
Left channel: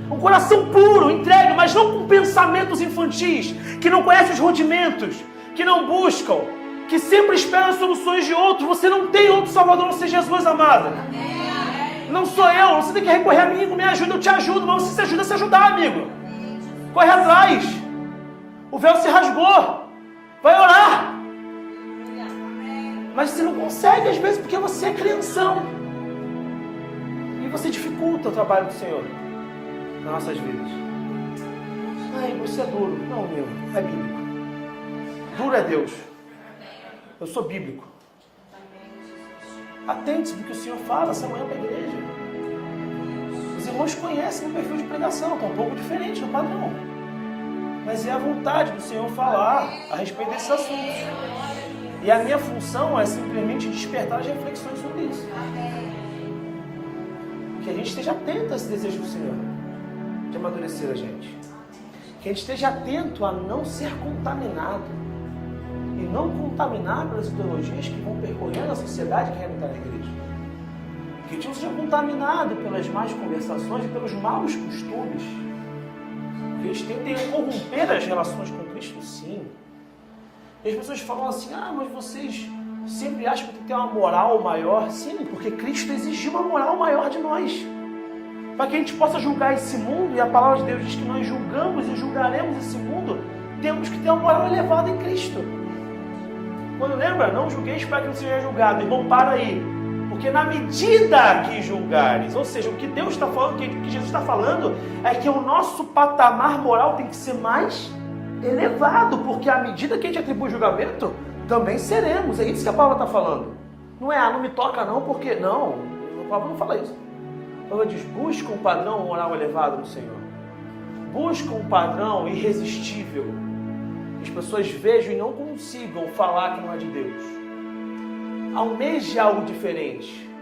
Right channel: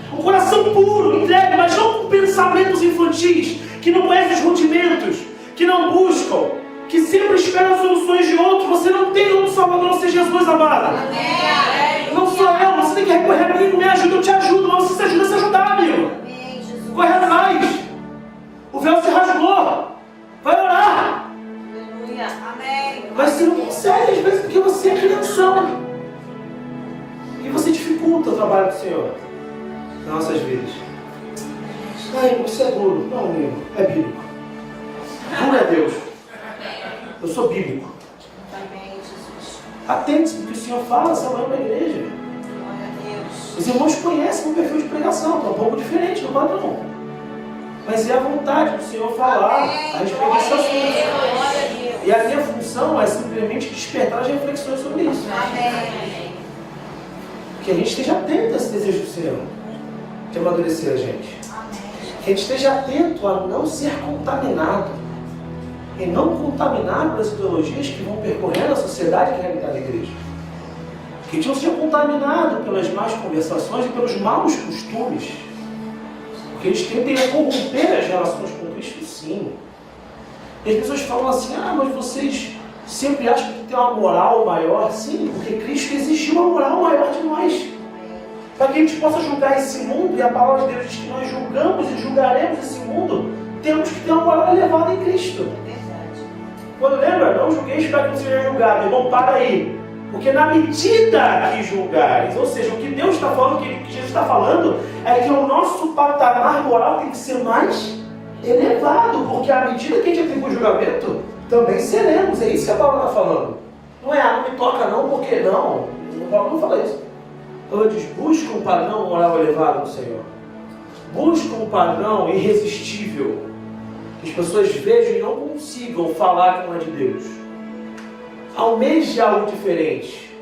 Um coração puro, entregue, mas não com pensamentos infantis, que não conhecem os rudimentos, que não buscam, que sempre esperam soluções de outros. Você não tem outro Salvador, não seja Jesus, amada. Não sou eu, você tem que recorrer a mim, me ajuda, eu te ajudo. Não, se você ajuda, se ajudar, amigo. Corre atrás. O véu se rasgou. Vai orar. Mas você não consegue, às vezes, porque você é crianção. E você dificulta o trabalho do Senhor nas nossas vidas. Isso é duro. Não, meu, é bíblico. Duro é Deus. Eu sou bíblico. Atente-se porque o Senhor fala essa manhã para a igreja. Os irmãos conhecem o perfil de pregação, está um pouco diferente do padrão. Mas é a vontade do Senhor falar a respeito desse assunto. E a minha função é simplesmente despertar as reflexões sobre isso. Que a gente esteja atento a esse desejo do Senhor de amadurecer a gente. Que a gente esteja atento a não ser contaminado. E não contaminar pelas ideologias que vão percorrendo a sociedade e a realidade da igreja. Que a gente não seja contaminado pelas más conversações e pelos maus costumes. Porque eles tendem a corromper as relações com Cristo, sim. E as pessoas falam assim, mas vocês sempre acham que tem uma moral maior. Sim, porque Cristo exigiu uma moral maior de nós. Para que a gente possa julgar esse mundo, e a palavra de Deus diz que nós julgamos e julgaremos esse mundo, temos que ter uma moral elevada em Cristo. Quando lembra, não julgueis para que não seja julgado. Irmão, para aí. Porque na medida que julgares, ou seja, o que Deus está falando, o que Jesus está falando, é que o nosso patamar moral tem que ser mais elevado, porque à medida que a gente atribui o julgamento, também seremos. É isso que a palavra está falando. Não é, não me toca não, porque não. O Paulo não fala isso. Ele diz, busca um padrão moral elevado no Senhor. Busca um padrão irresistível. Que as pessoas vejam e não consigam falar que não é de Deus. Almeje algo diferente.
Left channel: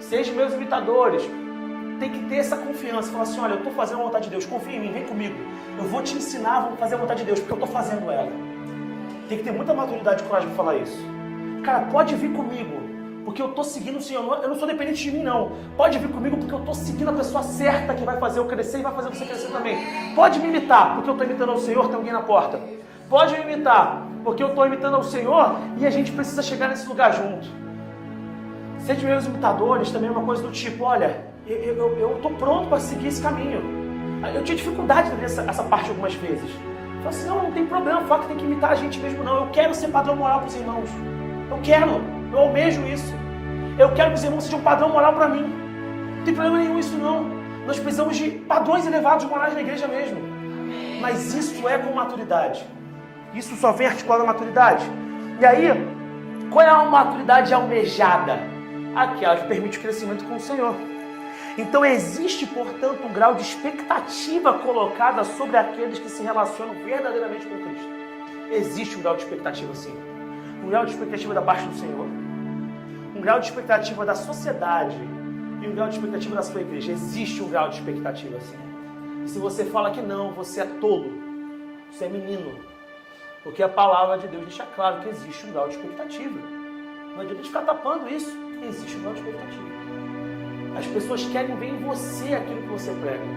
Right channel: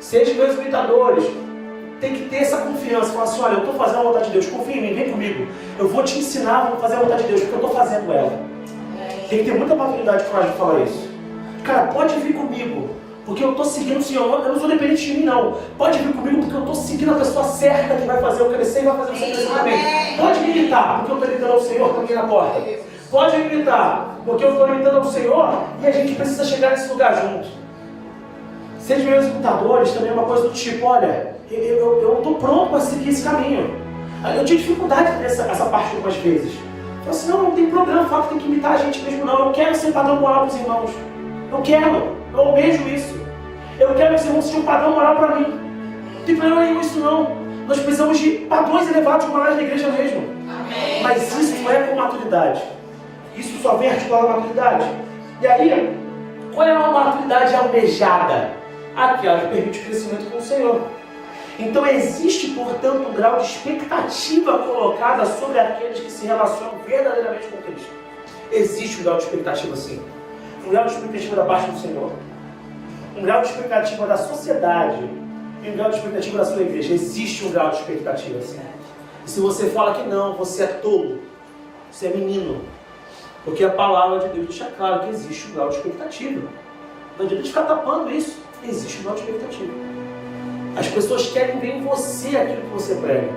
Sejam meus imitadores. Tem que ter essa confiança. Falar assim, olha, eu estou fazendo a vontade de Deus. Confia em mim, vem comigo. Eu vou te ensinar a fazer a vontade de Deus, porque eu estou fazendo ela. Tem que ter muita maturidade e coragem de falar isso. Cara, pode vir comigo. Porque eu estou seguindo o Senhor, eu não sou dependente de mim não. Pode vir comigo porque eu estou seguindo a pessoa certa que vai fazer eu crescer e vai fazer você crescer também. Pode me imitar, porque eu estou imitando ao Senhor, estou aqui na porta. Pode me imitar, porque eu estou imitando ao Senhor e a gente precisa chegar nesse lugar junto. Seja meus imitadores também é uma coisa do tipo, olha, eu estou pronto para seguir esse caminho. Eu tive dificuldade nessa parte algumas vezes. Eu falei assim, não tem problema, o fato que tem que imitar a gente mesmo não. Eu quero ser padrão moral para os irmãos. Eu quero, eu almejo isso. Eu quero que os irmãos sejam um padrão moral para mim. Não tem problema nenhum isso não. Nós precisamos de padrões elevados morais na igreja mesmo. Amém. Mas isso não é com maturidade. Isso só vem articulado a maturidade. E aí, qual é a maturidade almejada? Aquela que permite o crescimento com o Senhor. Então existe, portanto, um grau de expectativa colocada sobre aqueles que se relacionam verdadeiramente com Cristo. Existe um grau de expectativa sim. Um grau de expectativa da parte do Senhor. Um grau de expectativa da sociedade. E um grau de expectativa da sua igreja. Existe um grau de expectativa sim. E se você fala que não, você é tolo. Você é menino. Porque a palavra de Deus deixa claro que existe um grau de expectativa. Não adianta ficar tapando isso. Existe um grau de expectativa. As pessoas querem ver em você aquilo que você prega.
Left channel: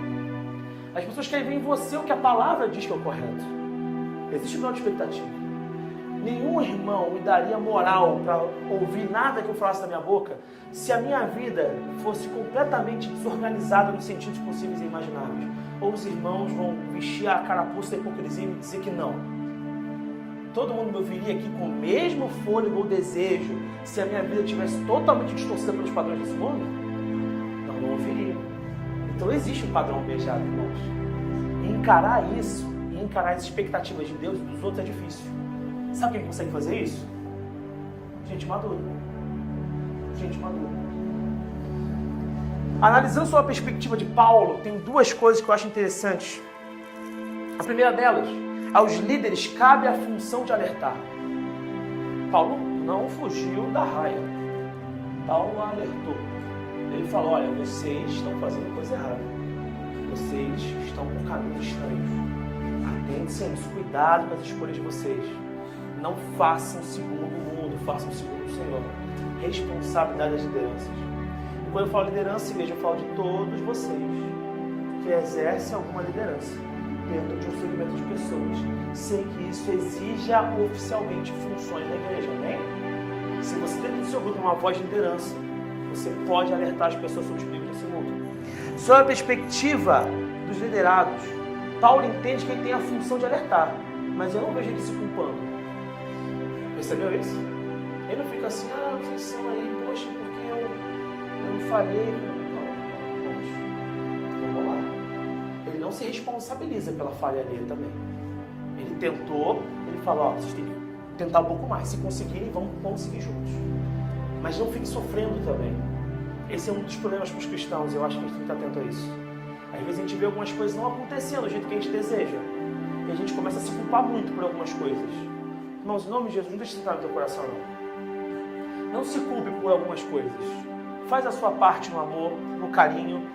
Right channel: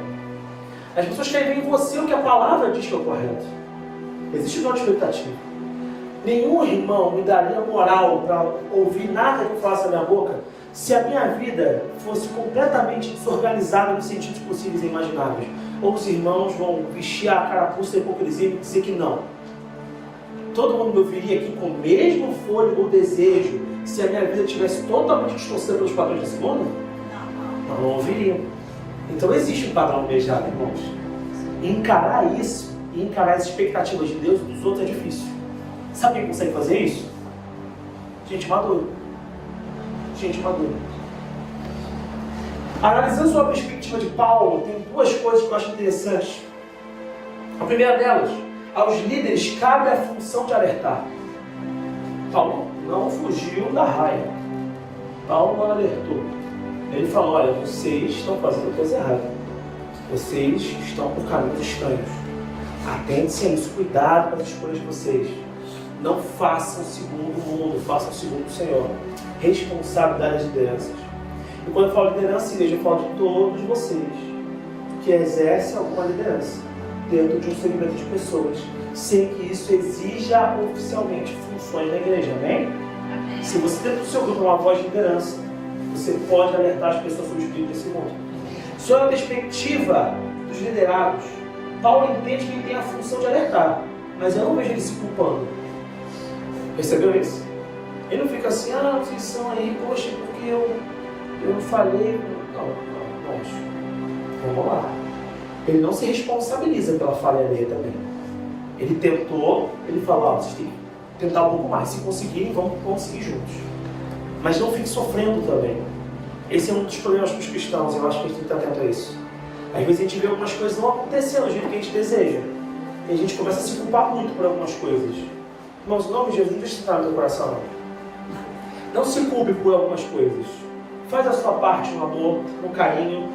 As pessoas querem ver em você o que a palavra diz que é o correto. Existe um grau de expectativa. Nenhum irmão me daria moral para ouvir nada que eu falasse da minha boca se a minha vida fosse completamente desorganizada nos sentidos possíveis e imagináveis. Ou os irmãos vão vestir a carapuça da hipocrisia e dizer que não. Todo mundo me ouviria aqui com o mesmo fôlego ou desejo se a minha vida estivesse totalmente distorcida pelos padrões desse mundo? Não ouviria. Então existe um padrão almejado, irmãos. Encarar isso, e encarar as expectativas de Deus e dos outros é difícil. Sabe quem consegue fazer isso? Gente madura. Gente madura. Analisando sobre a perspectiva de Paulo, tem duas coisas que eu acho interessantes. A primeira delas, aos líderes cabe a função de alertar. Paulo não fugiu da raia. Paulo não alertou. Ele falou, olha, vocês estão fazendo coisa errada. Vocês estão por caminhos estranhos. Atentem-se a isso, cuidado com as escolhas de vocês. Não façam segundo o mundo, façam segundo o Senhor. Responsabilidade das lideranças. E quando eu falo liderança, igreja, eu falo de todos vocês que exercem alguma liderança dentro de um segmento de pessoas, sem que isso exija oficialmente funções na igreja, amém? Se você dentro do seu grupo é uma voz de liderança, você pode alertar as pessoas sobre o espírito desse mundo. Sob a perspectiva dos liderados, Paulo entende que ele tem a função de alertar, mas eu não vejo ele se culpando. Percebeu isso? Ele não fica assim, vocês são aí, poxa, porque eu não falei. Não, vamos lá. Ele não se responsabiliza pela falha alheia também. Ele tentou, ele falou, vocês têm que tentar um pouco mais. Se conseguirem, vamos conseguir juntos. Mas não fique sofrendo também. Esse é um dos problemas com os cristãos, eu acho que a gente tem que estar atento a isso. Às vezes a gente vê algumas coisas não acontecendo do jeito que a gente deseja. E a gente começa a se culpar muito por algumas coisas. Irmãos, em nome de Jesus, não deixe isso entrar no teu coração, não. Não se culpe por algumas coisas. Faz a sua parte no amor, no carinho,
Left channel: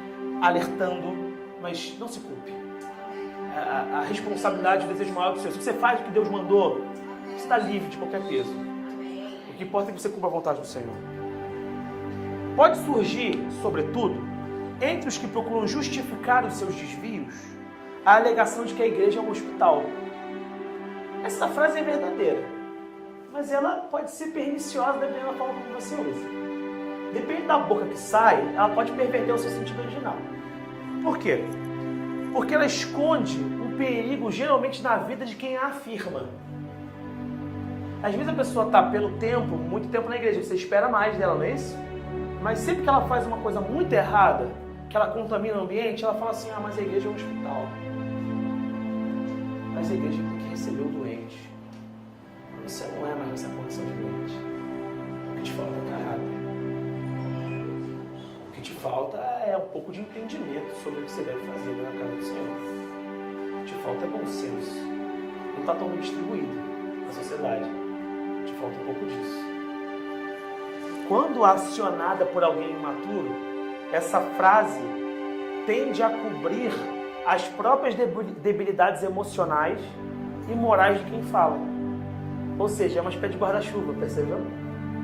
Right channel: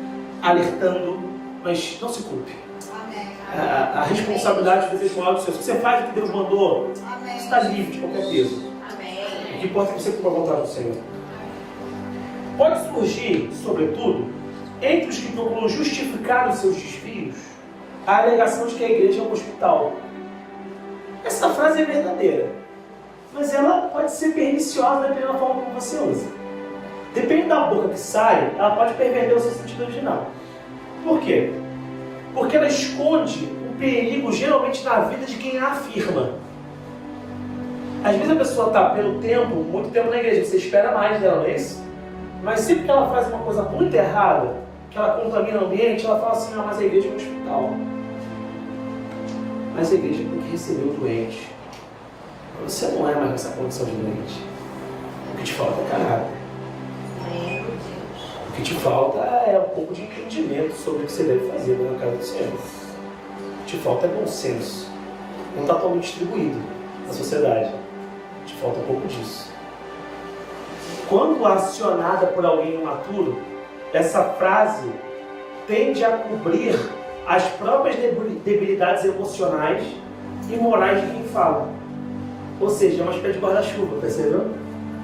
alertando, mas não se culpe. A responsabilidade do desejo maior do Senhor. Se você faz o que Deus mandou, você está livre de qualquer peso. O que importa é que você cumpra a vontade do Senhor. Pode surgir, sobretudo, entre os que procuram justificar os seus desvios, a alegação de que a igreja é um hospital. Essa frase é verdadeira, mas ela pode ser perniciosa dependendo da forma como você usa. Depende da boca que sai, ela pode perverter o seu sentido original. Por quê? Porque ela esconde o perigo geralmente na vida de quem a afirma. Às vezes a pessoa está muito tempo na igreja, você espera mais dela, não é isso? Mas sempre que ela faz uma coisa muito errada, que ela contamina o ambiente, ela fala assim, mas a igreja é um hospital. Mas a igreja tem que receber o doente. Você não é mais essa condição de doente. O que te falta é caráter. O que te falta é um pouco de entendimento sobre o que você deve fazer na casa do Senhor. O que te falta é bom senso. Não está totalmente distribuído na sociedade. Te falta um pouco disso. Quando acionada por alguém imaturo, essa frase tende a cobrir as próprias debilidades emocionais e morais de quem fala. Ou seja, é uma espécie de guarda-chuva, percebeu?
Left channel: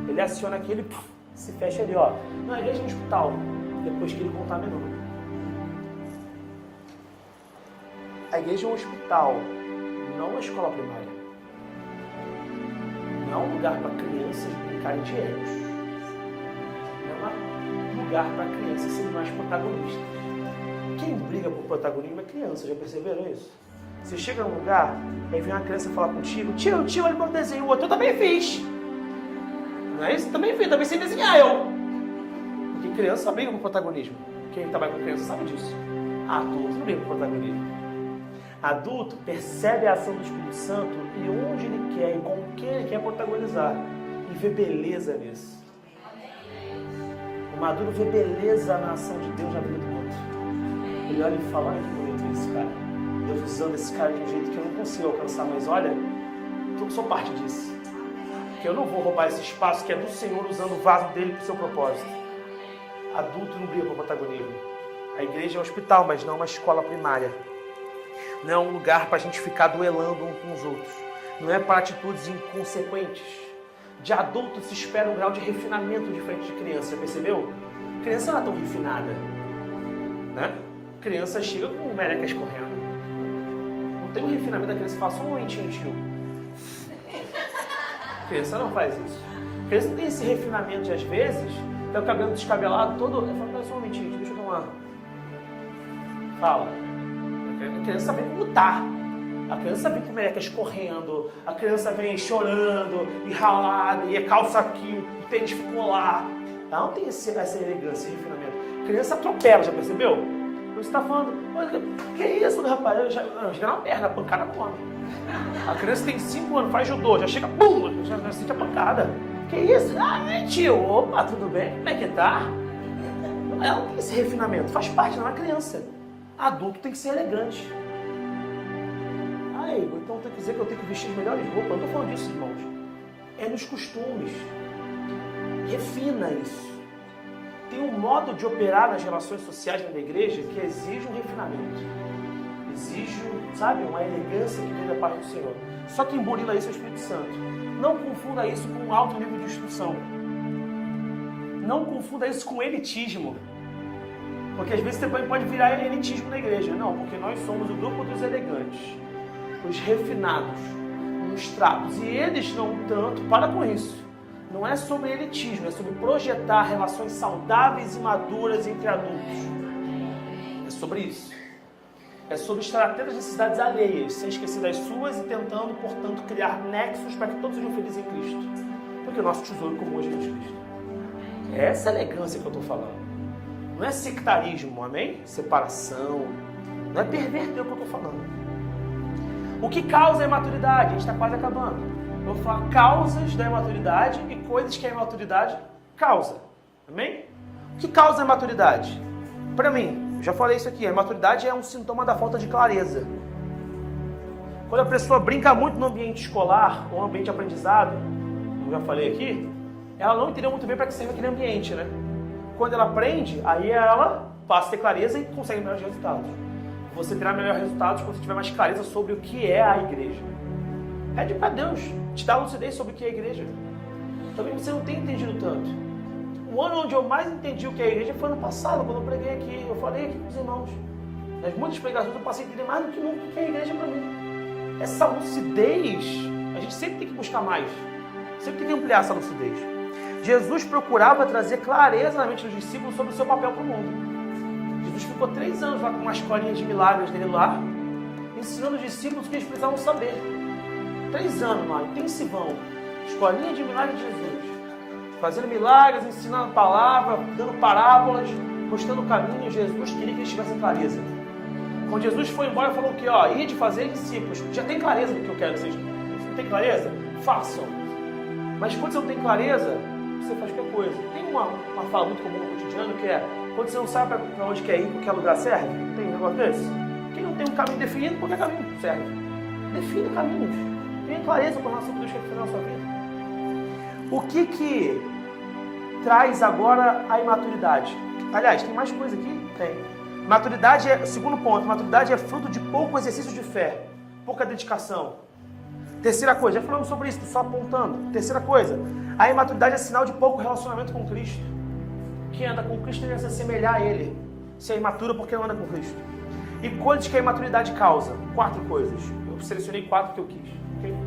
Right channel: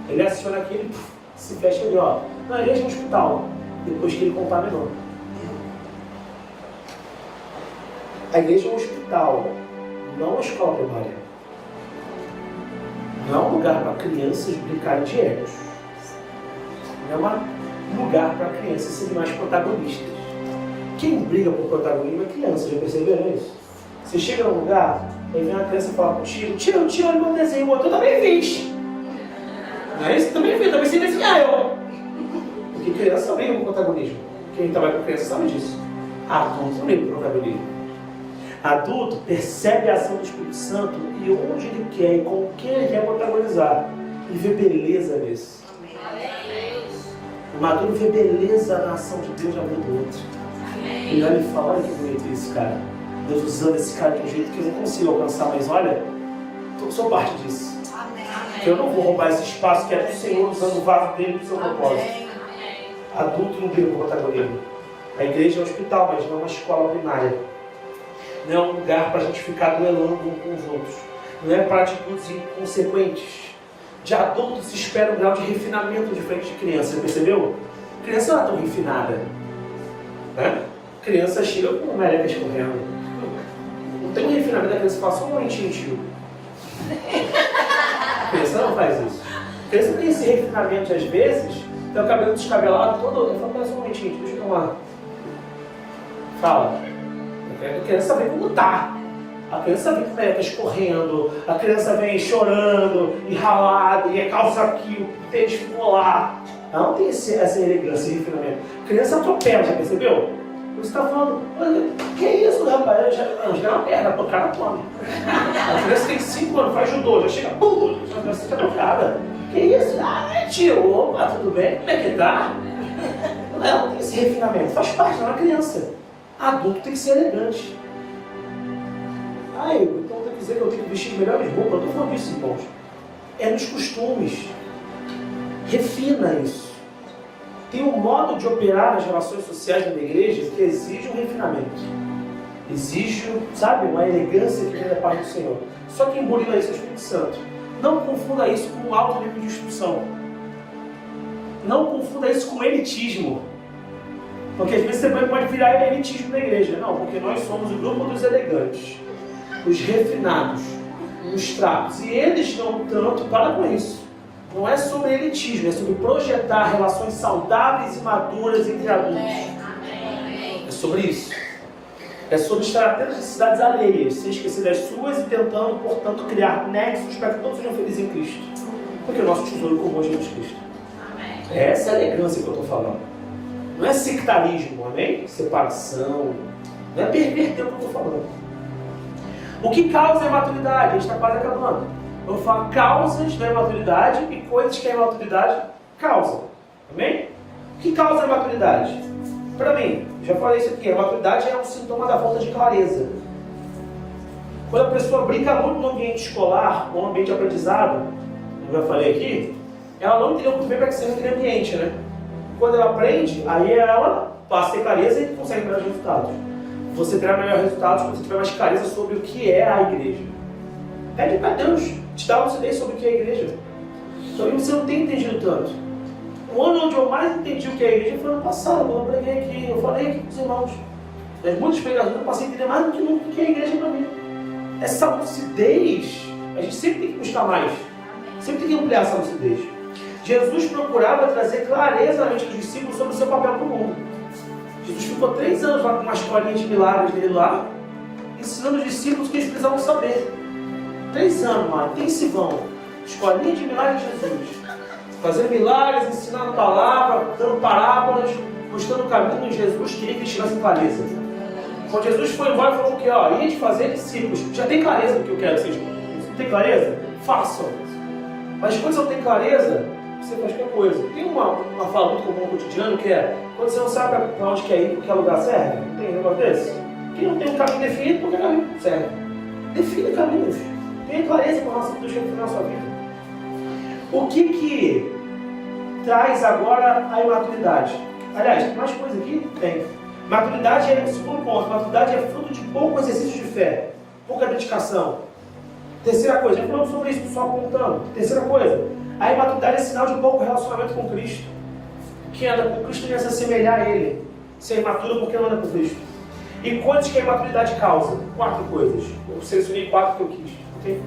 Ele aciona aquele, se fecha ali, ó. Na igreja é um hospital, depois que ele contaminou. A igreja é um hospital, não uma escola primária. Não é um lugar para crianças brincarem de egos. Não é um lugar para crianças serem mais protagonistas. Quem briga por protagonismo é criança, já perceberam isso? Você chega num lugar, aí vem uma criança e fala pro tio, olha meu desenho, eu também fiz. Não é isso? Também fiz, também sei desenhar eu. Porque criança briga por protagonismo. Quem trabalha com criança sabe disso. Adulto briga por protagonismo. Adulto percebe a ação do Espírito Santo e onde ele quer e com quem ele quer protagonizar. E vê beleza nisso. O maduro vê beleza na ação de Deus na vida do outro. Ele olha e fala, olha que bonito isso, cara. Deus usando esse cara de um jeito que eu não consigo alcançar, mas olha, eu sou parte disso. Que eu não vou roubar esse espaço que é do Senhor usando o vaso dele para o seu propósito. Adulto não briga por protagonismo. A igreja é um hospital, mas não uma escola primária. Não é um lugar para a gente ficar duelando um com os outros. Não é para atitudes inconsequentes. De adultos se espera um grau de refinamento diferente de criança, percebeu? Criança não é tão refinada, né? Criança chega com merecas correndo. Não tem um refinamento da criança, fala só um momentinho, tio. Criança não faz isso. Criança tem esse refinamento às vezes, tem o cabelo descabelado todo, eu falo, só um momentinho, deixa eu tomar. Fala. A criança vem como tá. A criança vem com merecas correndo, a criança vem chorando, e ralada, e é calça aqui, o tênis ficou lá. Ela não tem essa elegância, esse refinamento. A criança atropela, já percebeu? Você está falando, que isso, rapaz? Já é uma merda, o cara come. A criança tem 5 anos, faz judô, já chega, pum, já fica tocada. Que isso? Ah, é tio, opa, tudo bem? Como é que tá? Ela não tem esse refinamento, faz parte, não é uma criança. Adulto tem que ser elegante. Ah, Igor, então tem que dizer que eu tenho que vestir melhores roupas. Eu não estou falando disso, irmãos. É nos costumes. Refina isso. Tem um modo de operar nas relações sociais da igreja que exige um refinamento. Exige, sabe, uma elegância que vem da parte do Senhor. Só que emburila isso é o Espírito Santo. Não confunda isso com um alto nível de instrução. Não confunda isso com elitismo. Porque às vezes você pode virar elitismo na igreja. Não, porque nós somos o grupo dos elegantes, os refinados, os trapos. E eles não tanto, para com isso. Não é sobre elitismo, é sobre projetar relações saudáveis e maduras entre adultos. É sobre isso. É sobre estar atento às necessidades alheias, sem esquecer das suas e tentando, portanto, criar nexos para que todos sejam felizes em Cristo. Porque o nosso tesouro comum é Jesus Cristo. É essa elegância que eu estou falando. Não é sectarismo, amém? Separação. Não é perverter o que eu estou falando. O que causa a imaturidade? A gente está quase acabando. Eu vou falar causas da imaturidade e coisas que a imaturidade causa. Amém? O que causa a imaturidade? Para mim, já falei isso aqui, a imaturidade é um sintoma da falta de clareza. Quando a pessoa brinca muito no ambiente escolar, ou no ambiente de aprendizado, como já falei aqui, ela não entendeu muito bem para que serve aquele ambiente, né? Quando ela aprende, aí ela passa a ter clareza e consegue melhores resultados. Você terá melhores resultados quando você tiver mais clareza sobre o que é a igreja. Pede para Deus te dar lucidez sobre o que é a igreja. Talvez você não tenha entendido tanto. O ano onde eu mais entendi o que é a igreja foi ano passado, quando eu preguei aqui. Eu falei aqui com os irmãos. Das muitas pregações eu passei a entender mais do que nunca o que é a igreja para mim. Essa lucidez, a gente sempre tem que buscar mais. Sempre tem que ampliar essa lucidez. Jesus procurava trazer clareza na mente dos discípulos sobre o seu papel no mundo. Jesus ficou 3 anos lá com uma escolinha de milagres dele lá, ensinando os discípulos o que eles precisavam saber. 3 anos lá, intensivão. Escolinha de milagres de Jesus. Fazendo milagres, ensinando a palavra, dando parábolas, mostrando o caminho de Jesus, queria que eles tivessem clareza. Quando Jesus foi embora, falou que ia de fazer discípulos. Já tem clareza do que eu quero que vocês. Não tem clareza? Façam. Mas quando você não tem clareza, você faz qualquer coisa. Tem uma fala muito comum no cotidiano que é: quando você não sabe para onde quer ir, qualquer lugar serve. Tem um negócio desse? Quem não tem um caminho definido, qualquer caminho serve. Defina caminhos. Tenha clareza com relação a Deus que ele fez na sua vida. O que traz agora a imaturidade? Aliás, tem mais coisa aqui? Tem. Maturidade é, segundo ponto, maturidade é fruto de pouco exercício de fé, pouca dedicação. Terceira coisa, já falamos sobre isso, só apontando. Terceira coisa, a imaturidade é sinal de pouco relacionamento com Cristo. Quem anda com Cristo deve se assemelhar a Ele. Se é imaturo, porque não anda com Cristo. E coisas que a imaturidade causa? 4 coisas. Eu selecionei 4 que eu quis. Okay?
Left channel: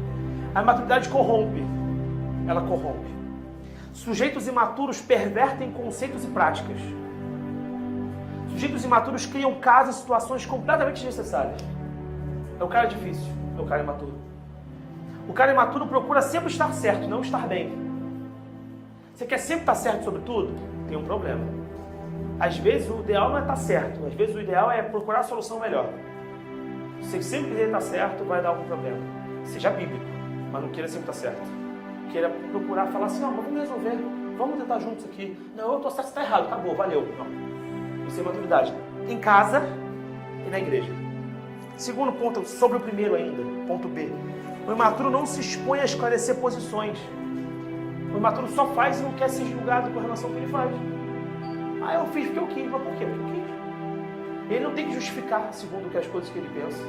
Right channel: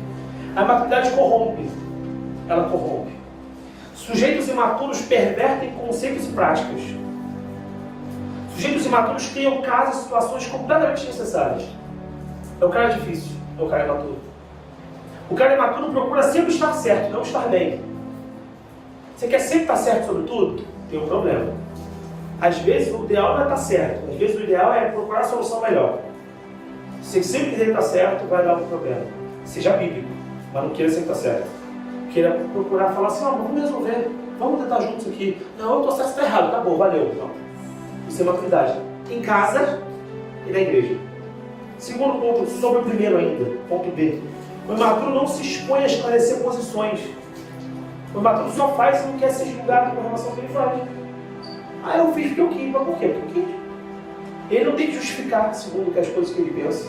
A imaturidade corrompe. Ela corrompe. Sujeitos imaturos pervertem conceitos e práticas. Sujeitos imaturos criam casos e situações completamente desnecessárias. É o cara difícil, é o cara imaturo. O cara imaturo procura sempre estar certo, não estar bem. Você quer sempre estar certo sobre tudo? Tem um problema. Às vezes o ideal não é estar certo, às vezes o ideal é procurar a solução melhor. Se você sempre querer estar certo, vai dar algum problema. Seja bíblico, mas não queira sempre estar certo. Queira procurar falar assim: vamos resolver, vamos tentar juntos aqui. Não, eu estou certo, está errado, tá bom, valeu. Não. Isso é maturidade. Em casa e na igreja. Segundo ponto, sobre o primeiro ainda, ponto B. O imaturo não se expõe a esclarecer posições. O imaturo só faz se não quer ser julgado com relação ao que ele faz. Eu fiz porque eu quis, mas por quê? Porque eu quis. Ele não tem que justificar segundo as coisas que ele pensa.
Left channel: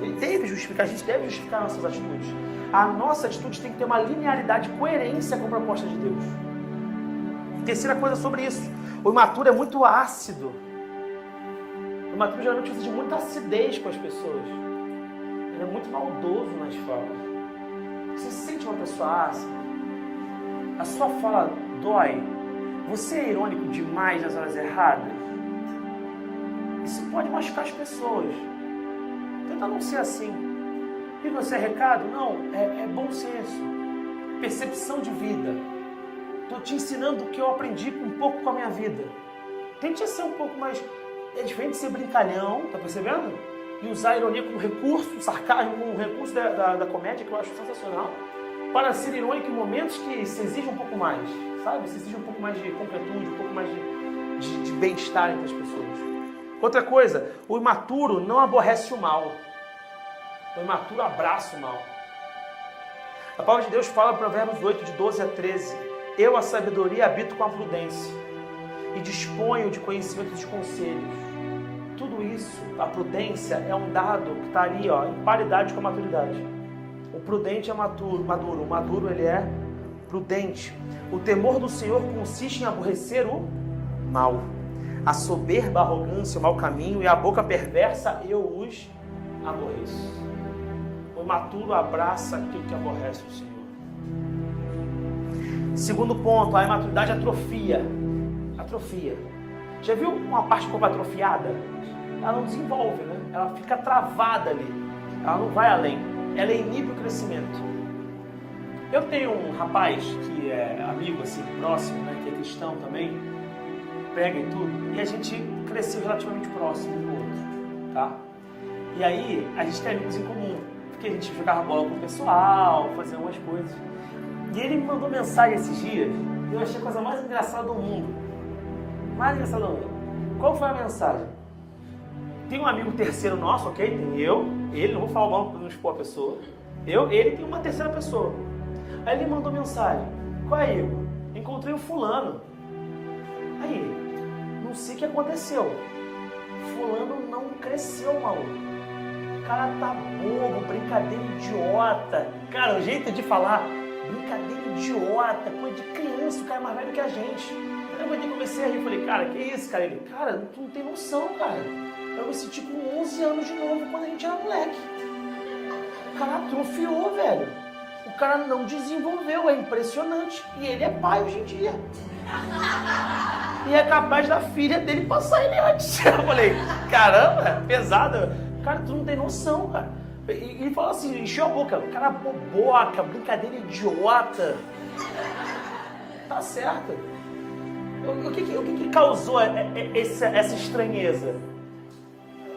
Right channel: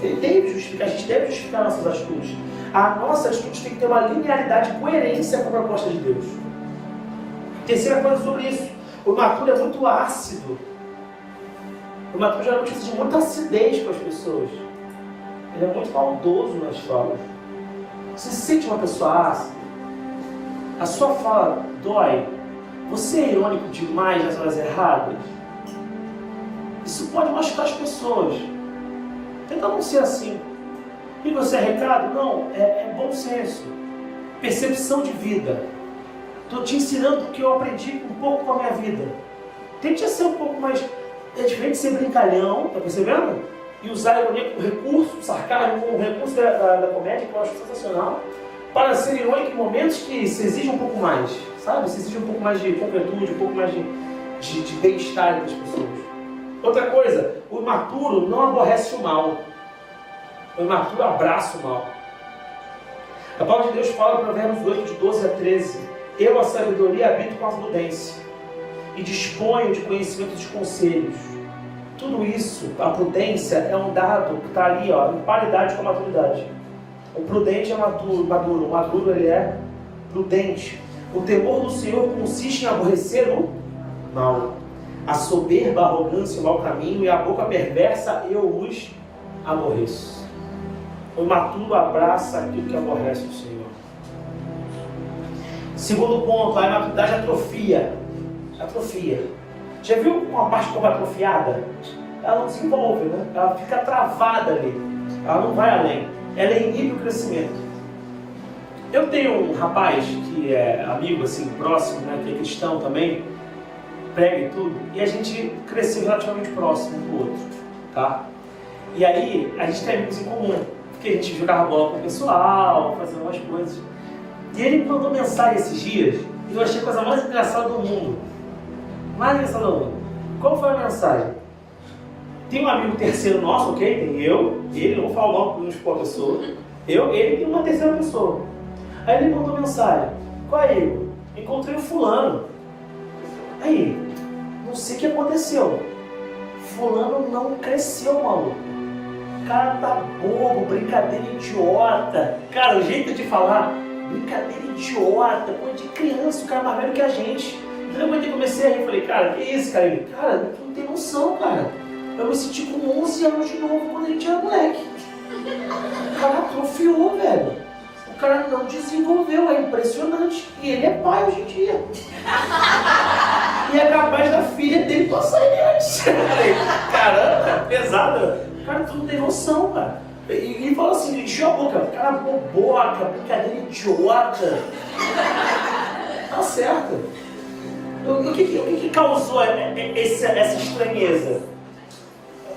Ele deve justificar, a gente deve justificar nossas atitudes. A nossa atitude tem que ter uma linearidade e coerência com a proposta de Deus. Terceira coisa sobre isso. O imaturo é muito ácido. O imaturo geralmente precisa de muita acidez com as pessoas. Ele é muito maldoso nas falas. Você se sente uma pessoa ácida? A sua fala dói? Você é irônico demais nas horas erradas? Isso pode machucar as pessoas. Tenta não ser assim. E você é recado? Não, é bom senso. Percepção de vida. Estou te ensinando o que eu aprendi um pouco com a minha vida. Tente ser um pouco mais... É diferente de ser brincalhão, tá percebendo? E usar a ironia como recurso, sarcasmo como recurso da comédia, que eu acho sensacional, para ser irônico em momentos que se exige um pouco mais, sabe? Se exige um pouco mais de concretude, um pouco mais de bem-estar entre as pessoas. Outra coisa, o imaturo não aborrece o mal. O imaturo abraça o mal. A palavra de Deus fala em Provérbios 8, de 12 a 13. Eu, a sabedoria, habito com a prudência e disponho de conhecimento de conselhos. Tudo isso, a prudência é um dado que está ali, em paridade com a maturidade. O prudente é maduro, o maduro ele é prudente. O temor do Senhor consiste em aborrecer o mal. A soberba, a arrogância, o mau caminho e a boca perversa eu os aborreço. O imaturo abraça aquilo que aborrece o Senhor. Segundo ponto, a imaturidade atrofia. Atrofia. Já viu uma parte como atrofiada? Ela não desenvolve, né? Ela fica travada ali. Ela não vai além. Ela inibe o crescimento. Eu tenho um rapaz que é amigo, assim, próximo, né? Que é cristão também, prega e tudo, e a gente cresceu relativamente próximo um do outro, tá? E aí, a gente tem amigos em comum, porque a gente jogava bola com o pessoal, fazia umas coisas. E ele mandou mensagem esses dias, e eu achei a coisa mais engraçada do mundo. Mais engraçada do mundo. Qual foi a mensagem? Tem um amigo terceiro nosso, ok? Tem eu, ele, não vou falar o nome para não expor a pessoa. Eu, ele e uma terceira pessoa. Aí ele mandou mensagem. Qual é, Igor? Encontrei o fulano. Aí, não sei o que aconteceu. Fulano não cresceu, maluco. O cara tá bobo, brincadeira idiota. Cara, o jeito de falar, brincadeira idiota, coisa de criança, o cara é mais velho que a gente. Então eu comecei a rir, falei, cara, que isso, cara? Ele, cara, tu não tem noção, cara. Eu me senti com 11 anos de novo quando a gente era moleque. O cara atrofiou, velho. O cara não desenvolveu, é impressionante. E ele é pai hoje em dia. E é capaz da filha dele passar ele antes. Eu falei, caramba, é pesado. Cara, tu não tem noção, cara. E ele falou assim, encheu a boca. Cara, boboca, brincadeira idiota. Tá certo. O que causou essa estranheza?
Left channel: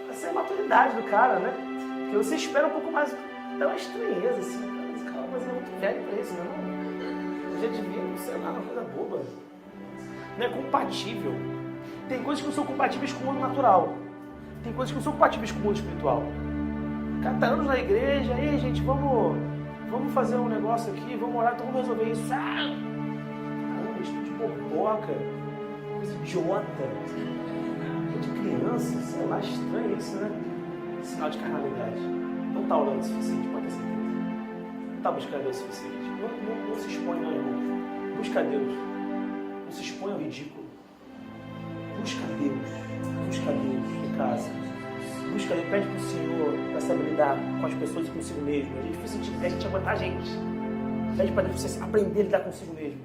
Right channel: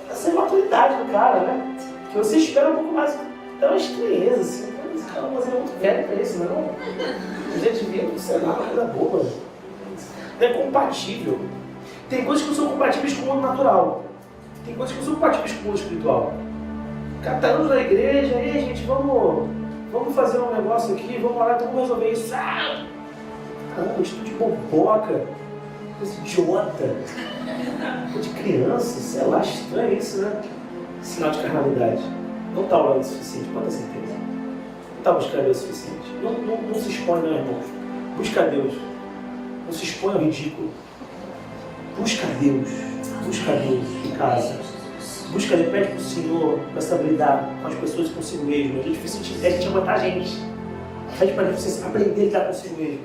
Essa imaturidade do cara, né? Que você espera um pouco mais Dá uma estranheza, assim. Esse cara mas é muito velho pra isso, não? A gente vive, sei lá, uma coisa boa. Não é compatível. Tem coisas que não são compatíveis com o mundo natural. Tem coisas que não são compatíveis com o mundo espiritual. Catamos na igreja, aí gente, vamos fazer um negócio aqui, vamos orar, então vamos resolver isso. Caramba, estudo de boboca, coisa idiota, de criança, sei lá, estranho isso, né? Sinal de carnalidade. Não está orando o suficiente, pode ter certeza. Não está buscando o suficiente. Não se expõe, não, irmãos. Busca Deus. Não se expõe ao ridículo. Busca Deus em casa. Busca Deus, pede para o Senhor para saber lidar com as pessoas e consigo mesmo. A gente aguentar a gente. Pede para Deus você aprender a lidar consigo mesmo.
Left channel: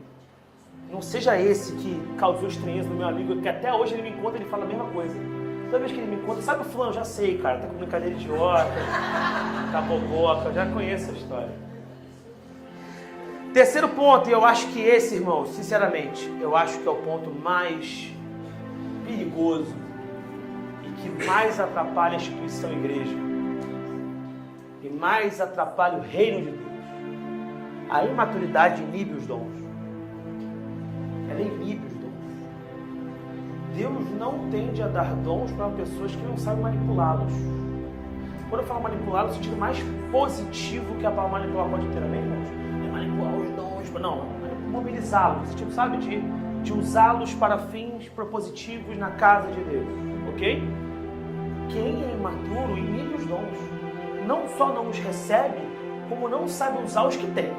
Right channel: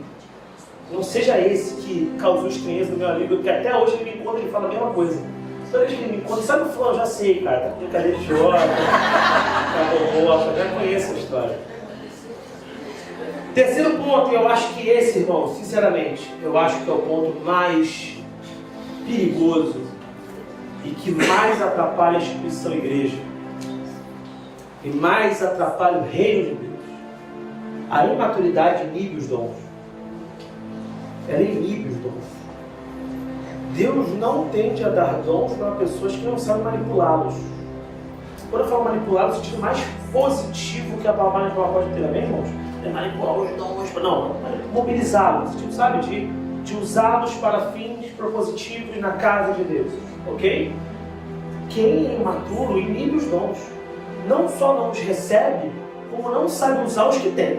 Não seja esse que causou estranheza do meu amigo, que até hoje ele me encontra e ele fala a mesma coisa. Toda vez que ele me encontra, sabe o fulano? Já sei, cara, tá com brincadeira idiota, tá boboca, já conheço a história. Terceiro ponto, e eu acho que esse, irmão, sinceramente, eu acho que é o ponto mais perigoso e que mais atrapalha a instituição igreja e mais atrapalha o reino de Deus. A imaturidade inibe os dons. Ela inibe os dons. Deus não tende a dar dons para pessoas que não sabem manipulá-los. Quando eu falo manipular, no sentido mais positivo que a palavra manipular pode ter, amém, irmãos? É manipular os dons, não, mobilizá-los, no sentido, sabe, de usá-los para fins propositivos na casa de Deus, ok? Quem é imaturo inibe os dons. Não só não os recebe, como não sabe usar os que tem.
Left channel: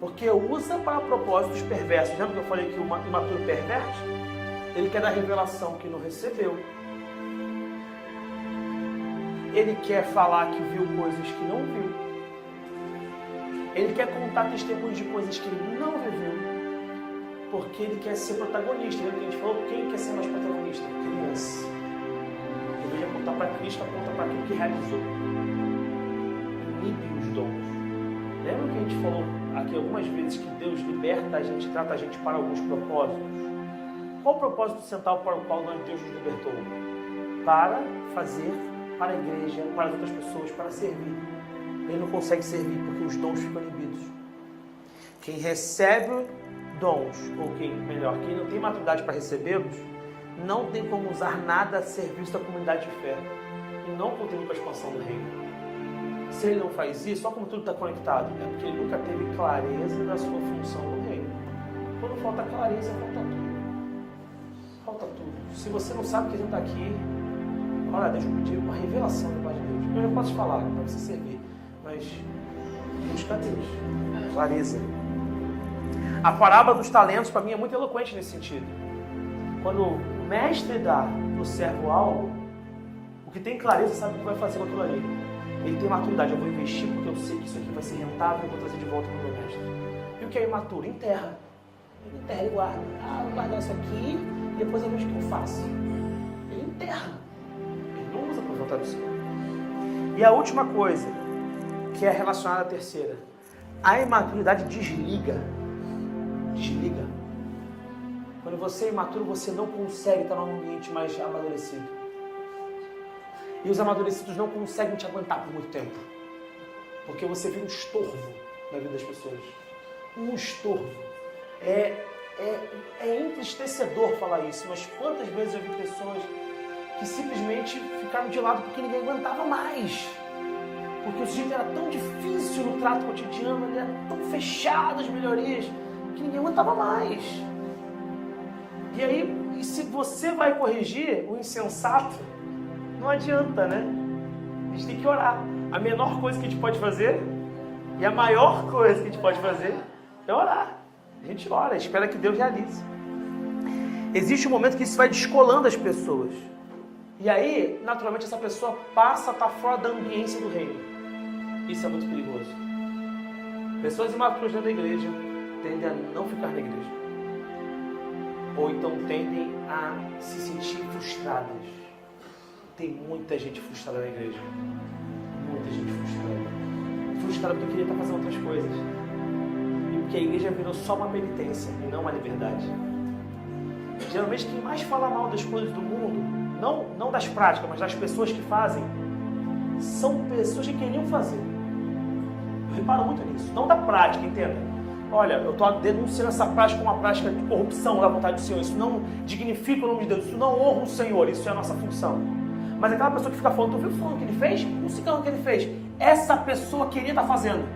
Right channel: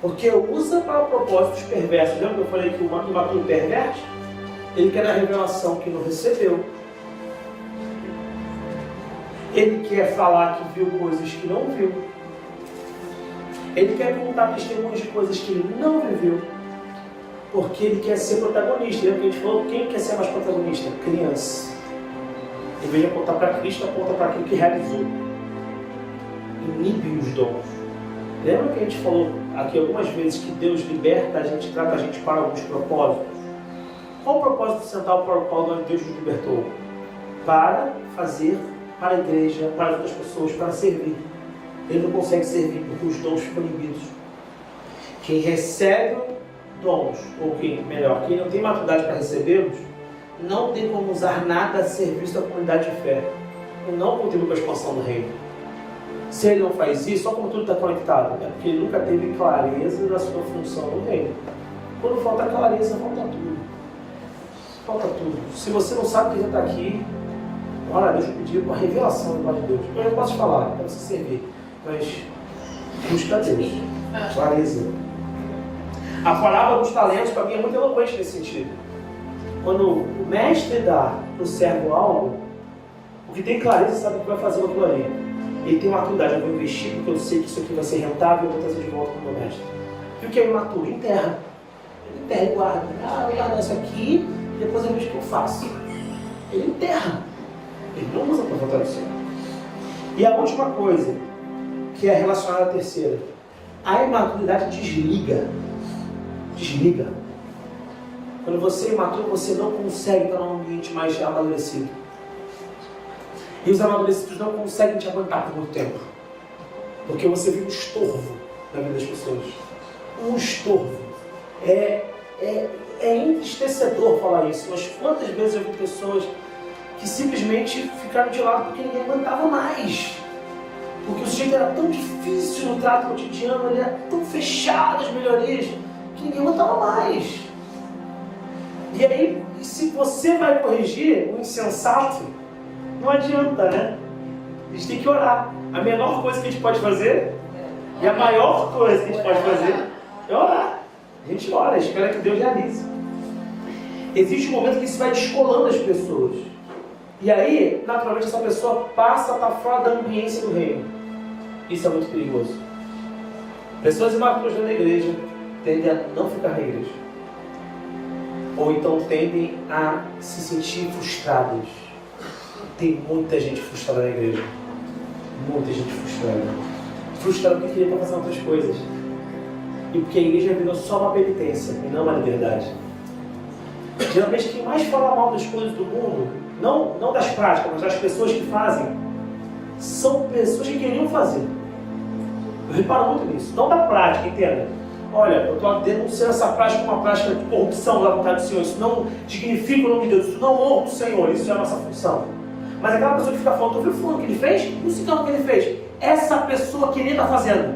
Porque usa para propósitos perversos. Lembra que eu falei que o imaturo perverte? Ele quer dar revelação que não recebeu. Ele quer falar que viu coisas que não viu. Ele quer contar testemunhos de coisas que ele não viveu. Porque ele quer ser protagonista. Lembra que a gente falou? Quem quer ser mais protagonista? Criança. Em vez de apontar para Cristo, aponta para aquilo que realizou. Inibe os dons. Lembra que a gente falou aqui algumas vezes que Deus liberta a gente, trata a gente para alguns propósitos? Qual o propósito central para o qual Deus nos libertou? Para fazer para a igreja, para as outras pessoas, para servir. Ele não consegue servir porque os dons ficam inibidos. Quem recebe dons, ou quem não tem maturidade para recebê-los, não tem como usar nada a serviço da comunidade de fé. E não contribui para a expansão do reino. Se ele não faz isso, olha como tudo está conectado. É porque ele nunca teve clareza da sua função no reino. Quando falta clareza, falta tudo. Falta tudo. Se você não sabe que já está aqui, ora, Deus me pediu uma revelação da palavra de Deus. Eu não posso falar, para você servir. Mas busca Deus. Clareza. A parábola dos talentos, para mim, é muito eloquente nesse sentido. Quando o mestre dá para o servo algo, o que tem clareza sabe o que vai fazer aquilo ali. Ele tem maturidade, eu vou investir porque eu sei que isso aqui vai ser rentável e eu vou trazer de volta para o meu mestre. E o que é imaturo? Enterra. Ele enterra e guarda. Vou guardar isso aqui e depois eu vejo o que eu faço. Ele enterra. Ele não usa para voltar no céu. E a última coisa, que é relacionada à terceira. A imaturidade desliga. Desliga. Quando você é imaturo, você não consegue estar num ambiente mais amadurecido. E os amadurecidos não conseguem te aguentar por muito tempo. Porque você vira um estorvo na vida das pessoas. Um estorvo. É entristecedor falar isso, mas quantas vezes eu vi pessoas que simplesmente ficaram de lado porque ninguém aguentava mais. Porque o sujeito era tão difícil no trato cotidiano, ele era tão fechado as melhorias, que ninguém aguentava mais. E aí, se você vai corrigir o insensato, não adianta, né? A gente tem que orar. A menor coisa que a gente pode fazer e a maior coisa que a gente pode fazer é orar. A gente ora, espera que Deus realize. Existe um momento que isso vai descolando as pessoas. E aí, naturalmente, essa pessoa passa a estar fora da ambiência do reino. Isso é muito perigoso. Pessoas imaturas na igreja tendem a não ficar na igreja. Ou então tendem a se sentir frustradas. Tem muita gente frustrada na igreja. Muita gente frustrada. Frustrada porque queria estar fazendo outras coisas. E porque a igreja virou só uma penitência e não uma liberdade. Geralmente quem mais fala mal das coisas do mundo, não das práticas, mas das pessoas que fazem, são pessoas que queriam fazer. Eu reparo muito nisso. Não da prática, entenda. Olha, eu estou denunciando essa prática como uma prática de corrupção da vontade do Senhor. Isso não dignifica o nome de Deus, isso não honra o Senhor, isso é a nossa função. Mas aquela pessoa que fica falando, tu viu fulano que ele fez? Não sei o que ele fez. Essa pessoa queria estar fazendo.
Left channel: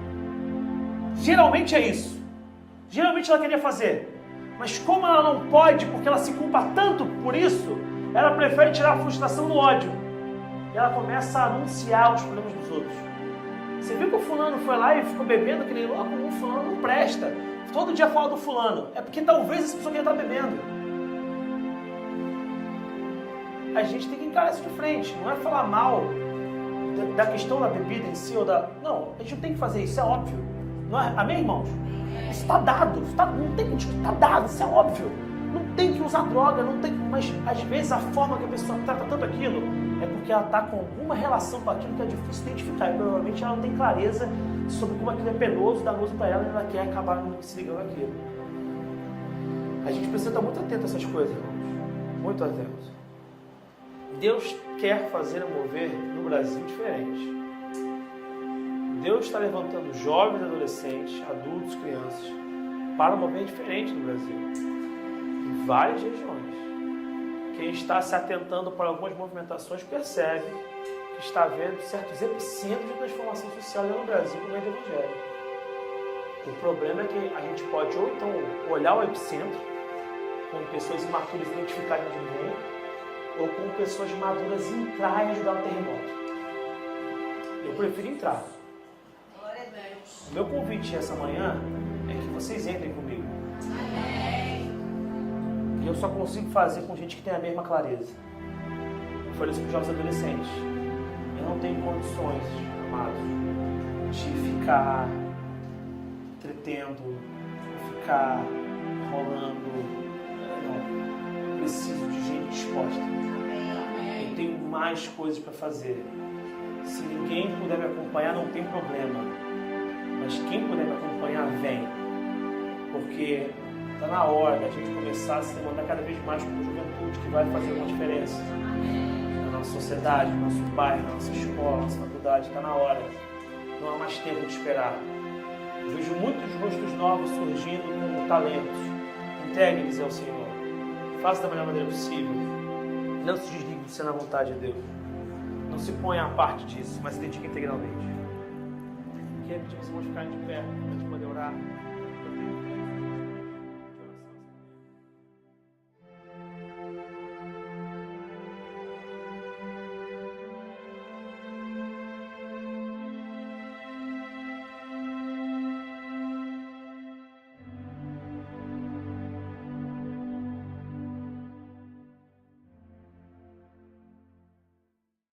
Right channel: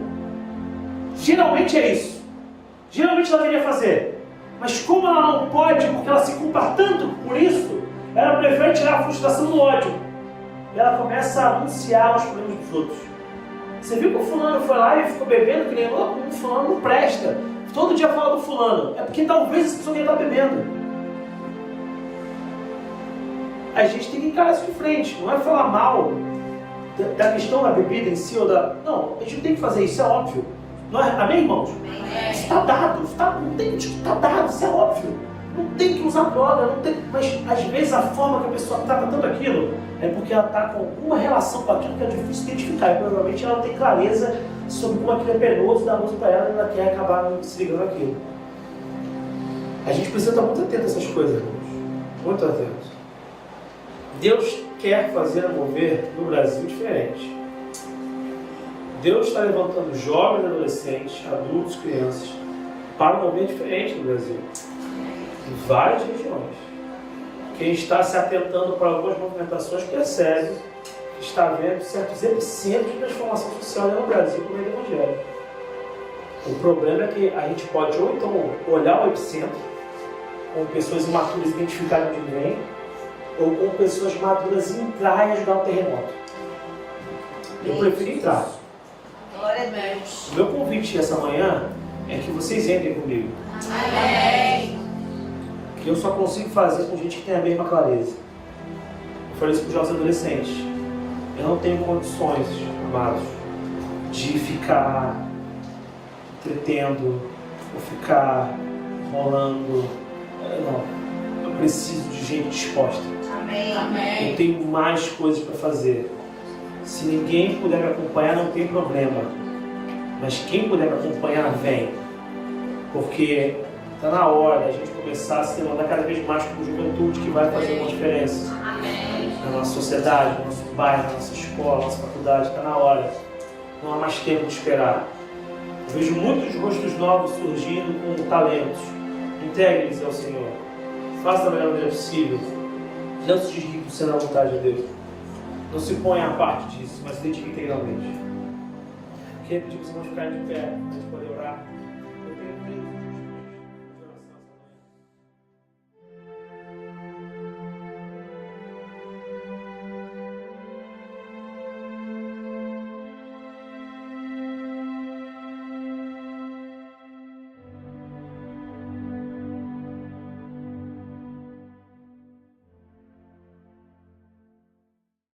Geralmente é isso. Geralmente ela queria fazer. Mas como ela não pode, porque ela se culpa tanto por isso, ela prefere tirar a frustração do ódio. E ela começa a anunciar os problemas dos outros. Você viu que o fulano foi lá e ficou bebendo, que nem louco? O fulano não presta. Todo dia fala do fulano. É porque talvez essa pessoa quer estar bebendo. A gente tem que encarar isso de frente. Não é falar mal da questão da bebida em si ou da... Não, a gente não tem que fazer isso, é óbvio. Não é? Amém, irmãos? Isso está dado. Não tem que está dado, isso é óbvio. Não tem que usar droga, não tem... Mas às vezes a forma que a pessoa trata tanto aquilo é porque ela está com alguma relação com aquilo que é difícil identificar. E provavelmente ela não tem clareza sobre como aquilo é penoso, danoso para ela, e ela quer acabar se ligando aquilo. A gente precisa estar muito atento a essas coisas, irmãos. Muito atento. Deus quer fazer mover no Brasil diferente. Deus está levantando jovens, adolescentes, adultos, crianças, para um mover diferente no Brasil. Em várias regiões. Quem está se atentando para algumas movimentações percebe que está havendo certos epicentros de transformação social no Brasil no meio do Evangelho. O problema é que a gente pode ou então olhar o epicentro com pessoas imaturas identificarem onde vem, ou com pessoas maduras entrar e ajudar no terremoto. Eu prefiro entrar. Glória a Deus. O meu convite essa manhã é que vocês entrem comigo. Amém. Que eu só consigo fazer com gente que tem a mesma clareza. Eu falei isso para os jovens adolescentes. Eu não tenho condições, amados, de ficar entretendo, ou ficar rolando. Não. Eu preciso de gente disposta. Amém. Eu tenho mais coisas para fazer. Se ninguém puder me acompanhar, não tem problema. Mas quem puder me acompanhar, vem. Porque está na hora da gente começar a se levantar cada vez mais com juventude que vai fazer uma diferença. Amém. Na nossa sociedade, no nosso bairro, na nossa escola, na nossa faculdade. Está na hora. Não há mais tempo de esperar. Eu vejo muitos rostos novos surgindo com talentos. Integre-se ao Senhor. Faça da melhor maneira possível. Não se desligue por ser na vontade de Deus. Não se ponha à parte disso, mas se dedique integralmente. Queria pedir para os irmãos ficarem de pé, para a gente poder orar.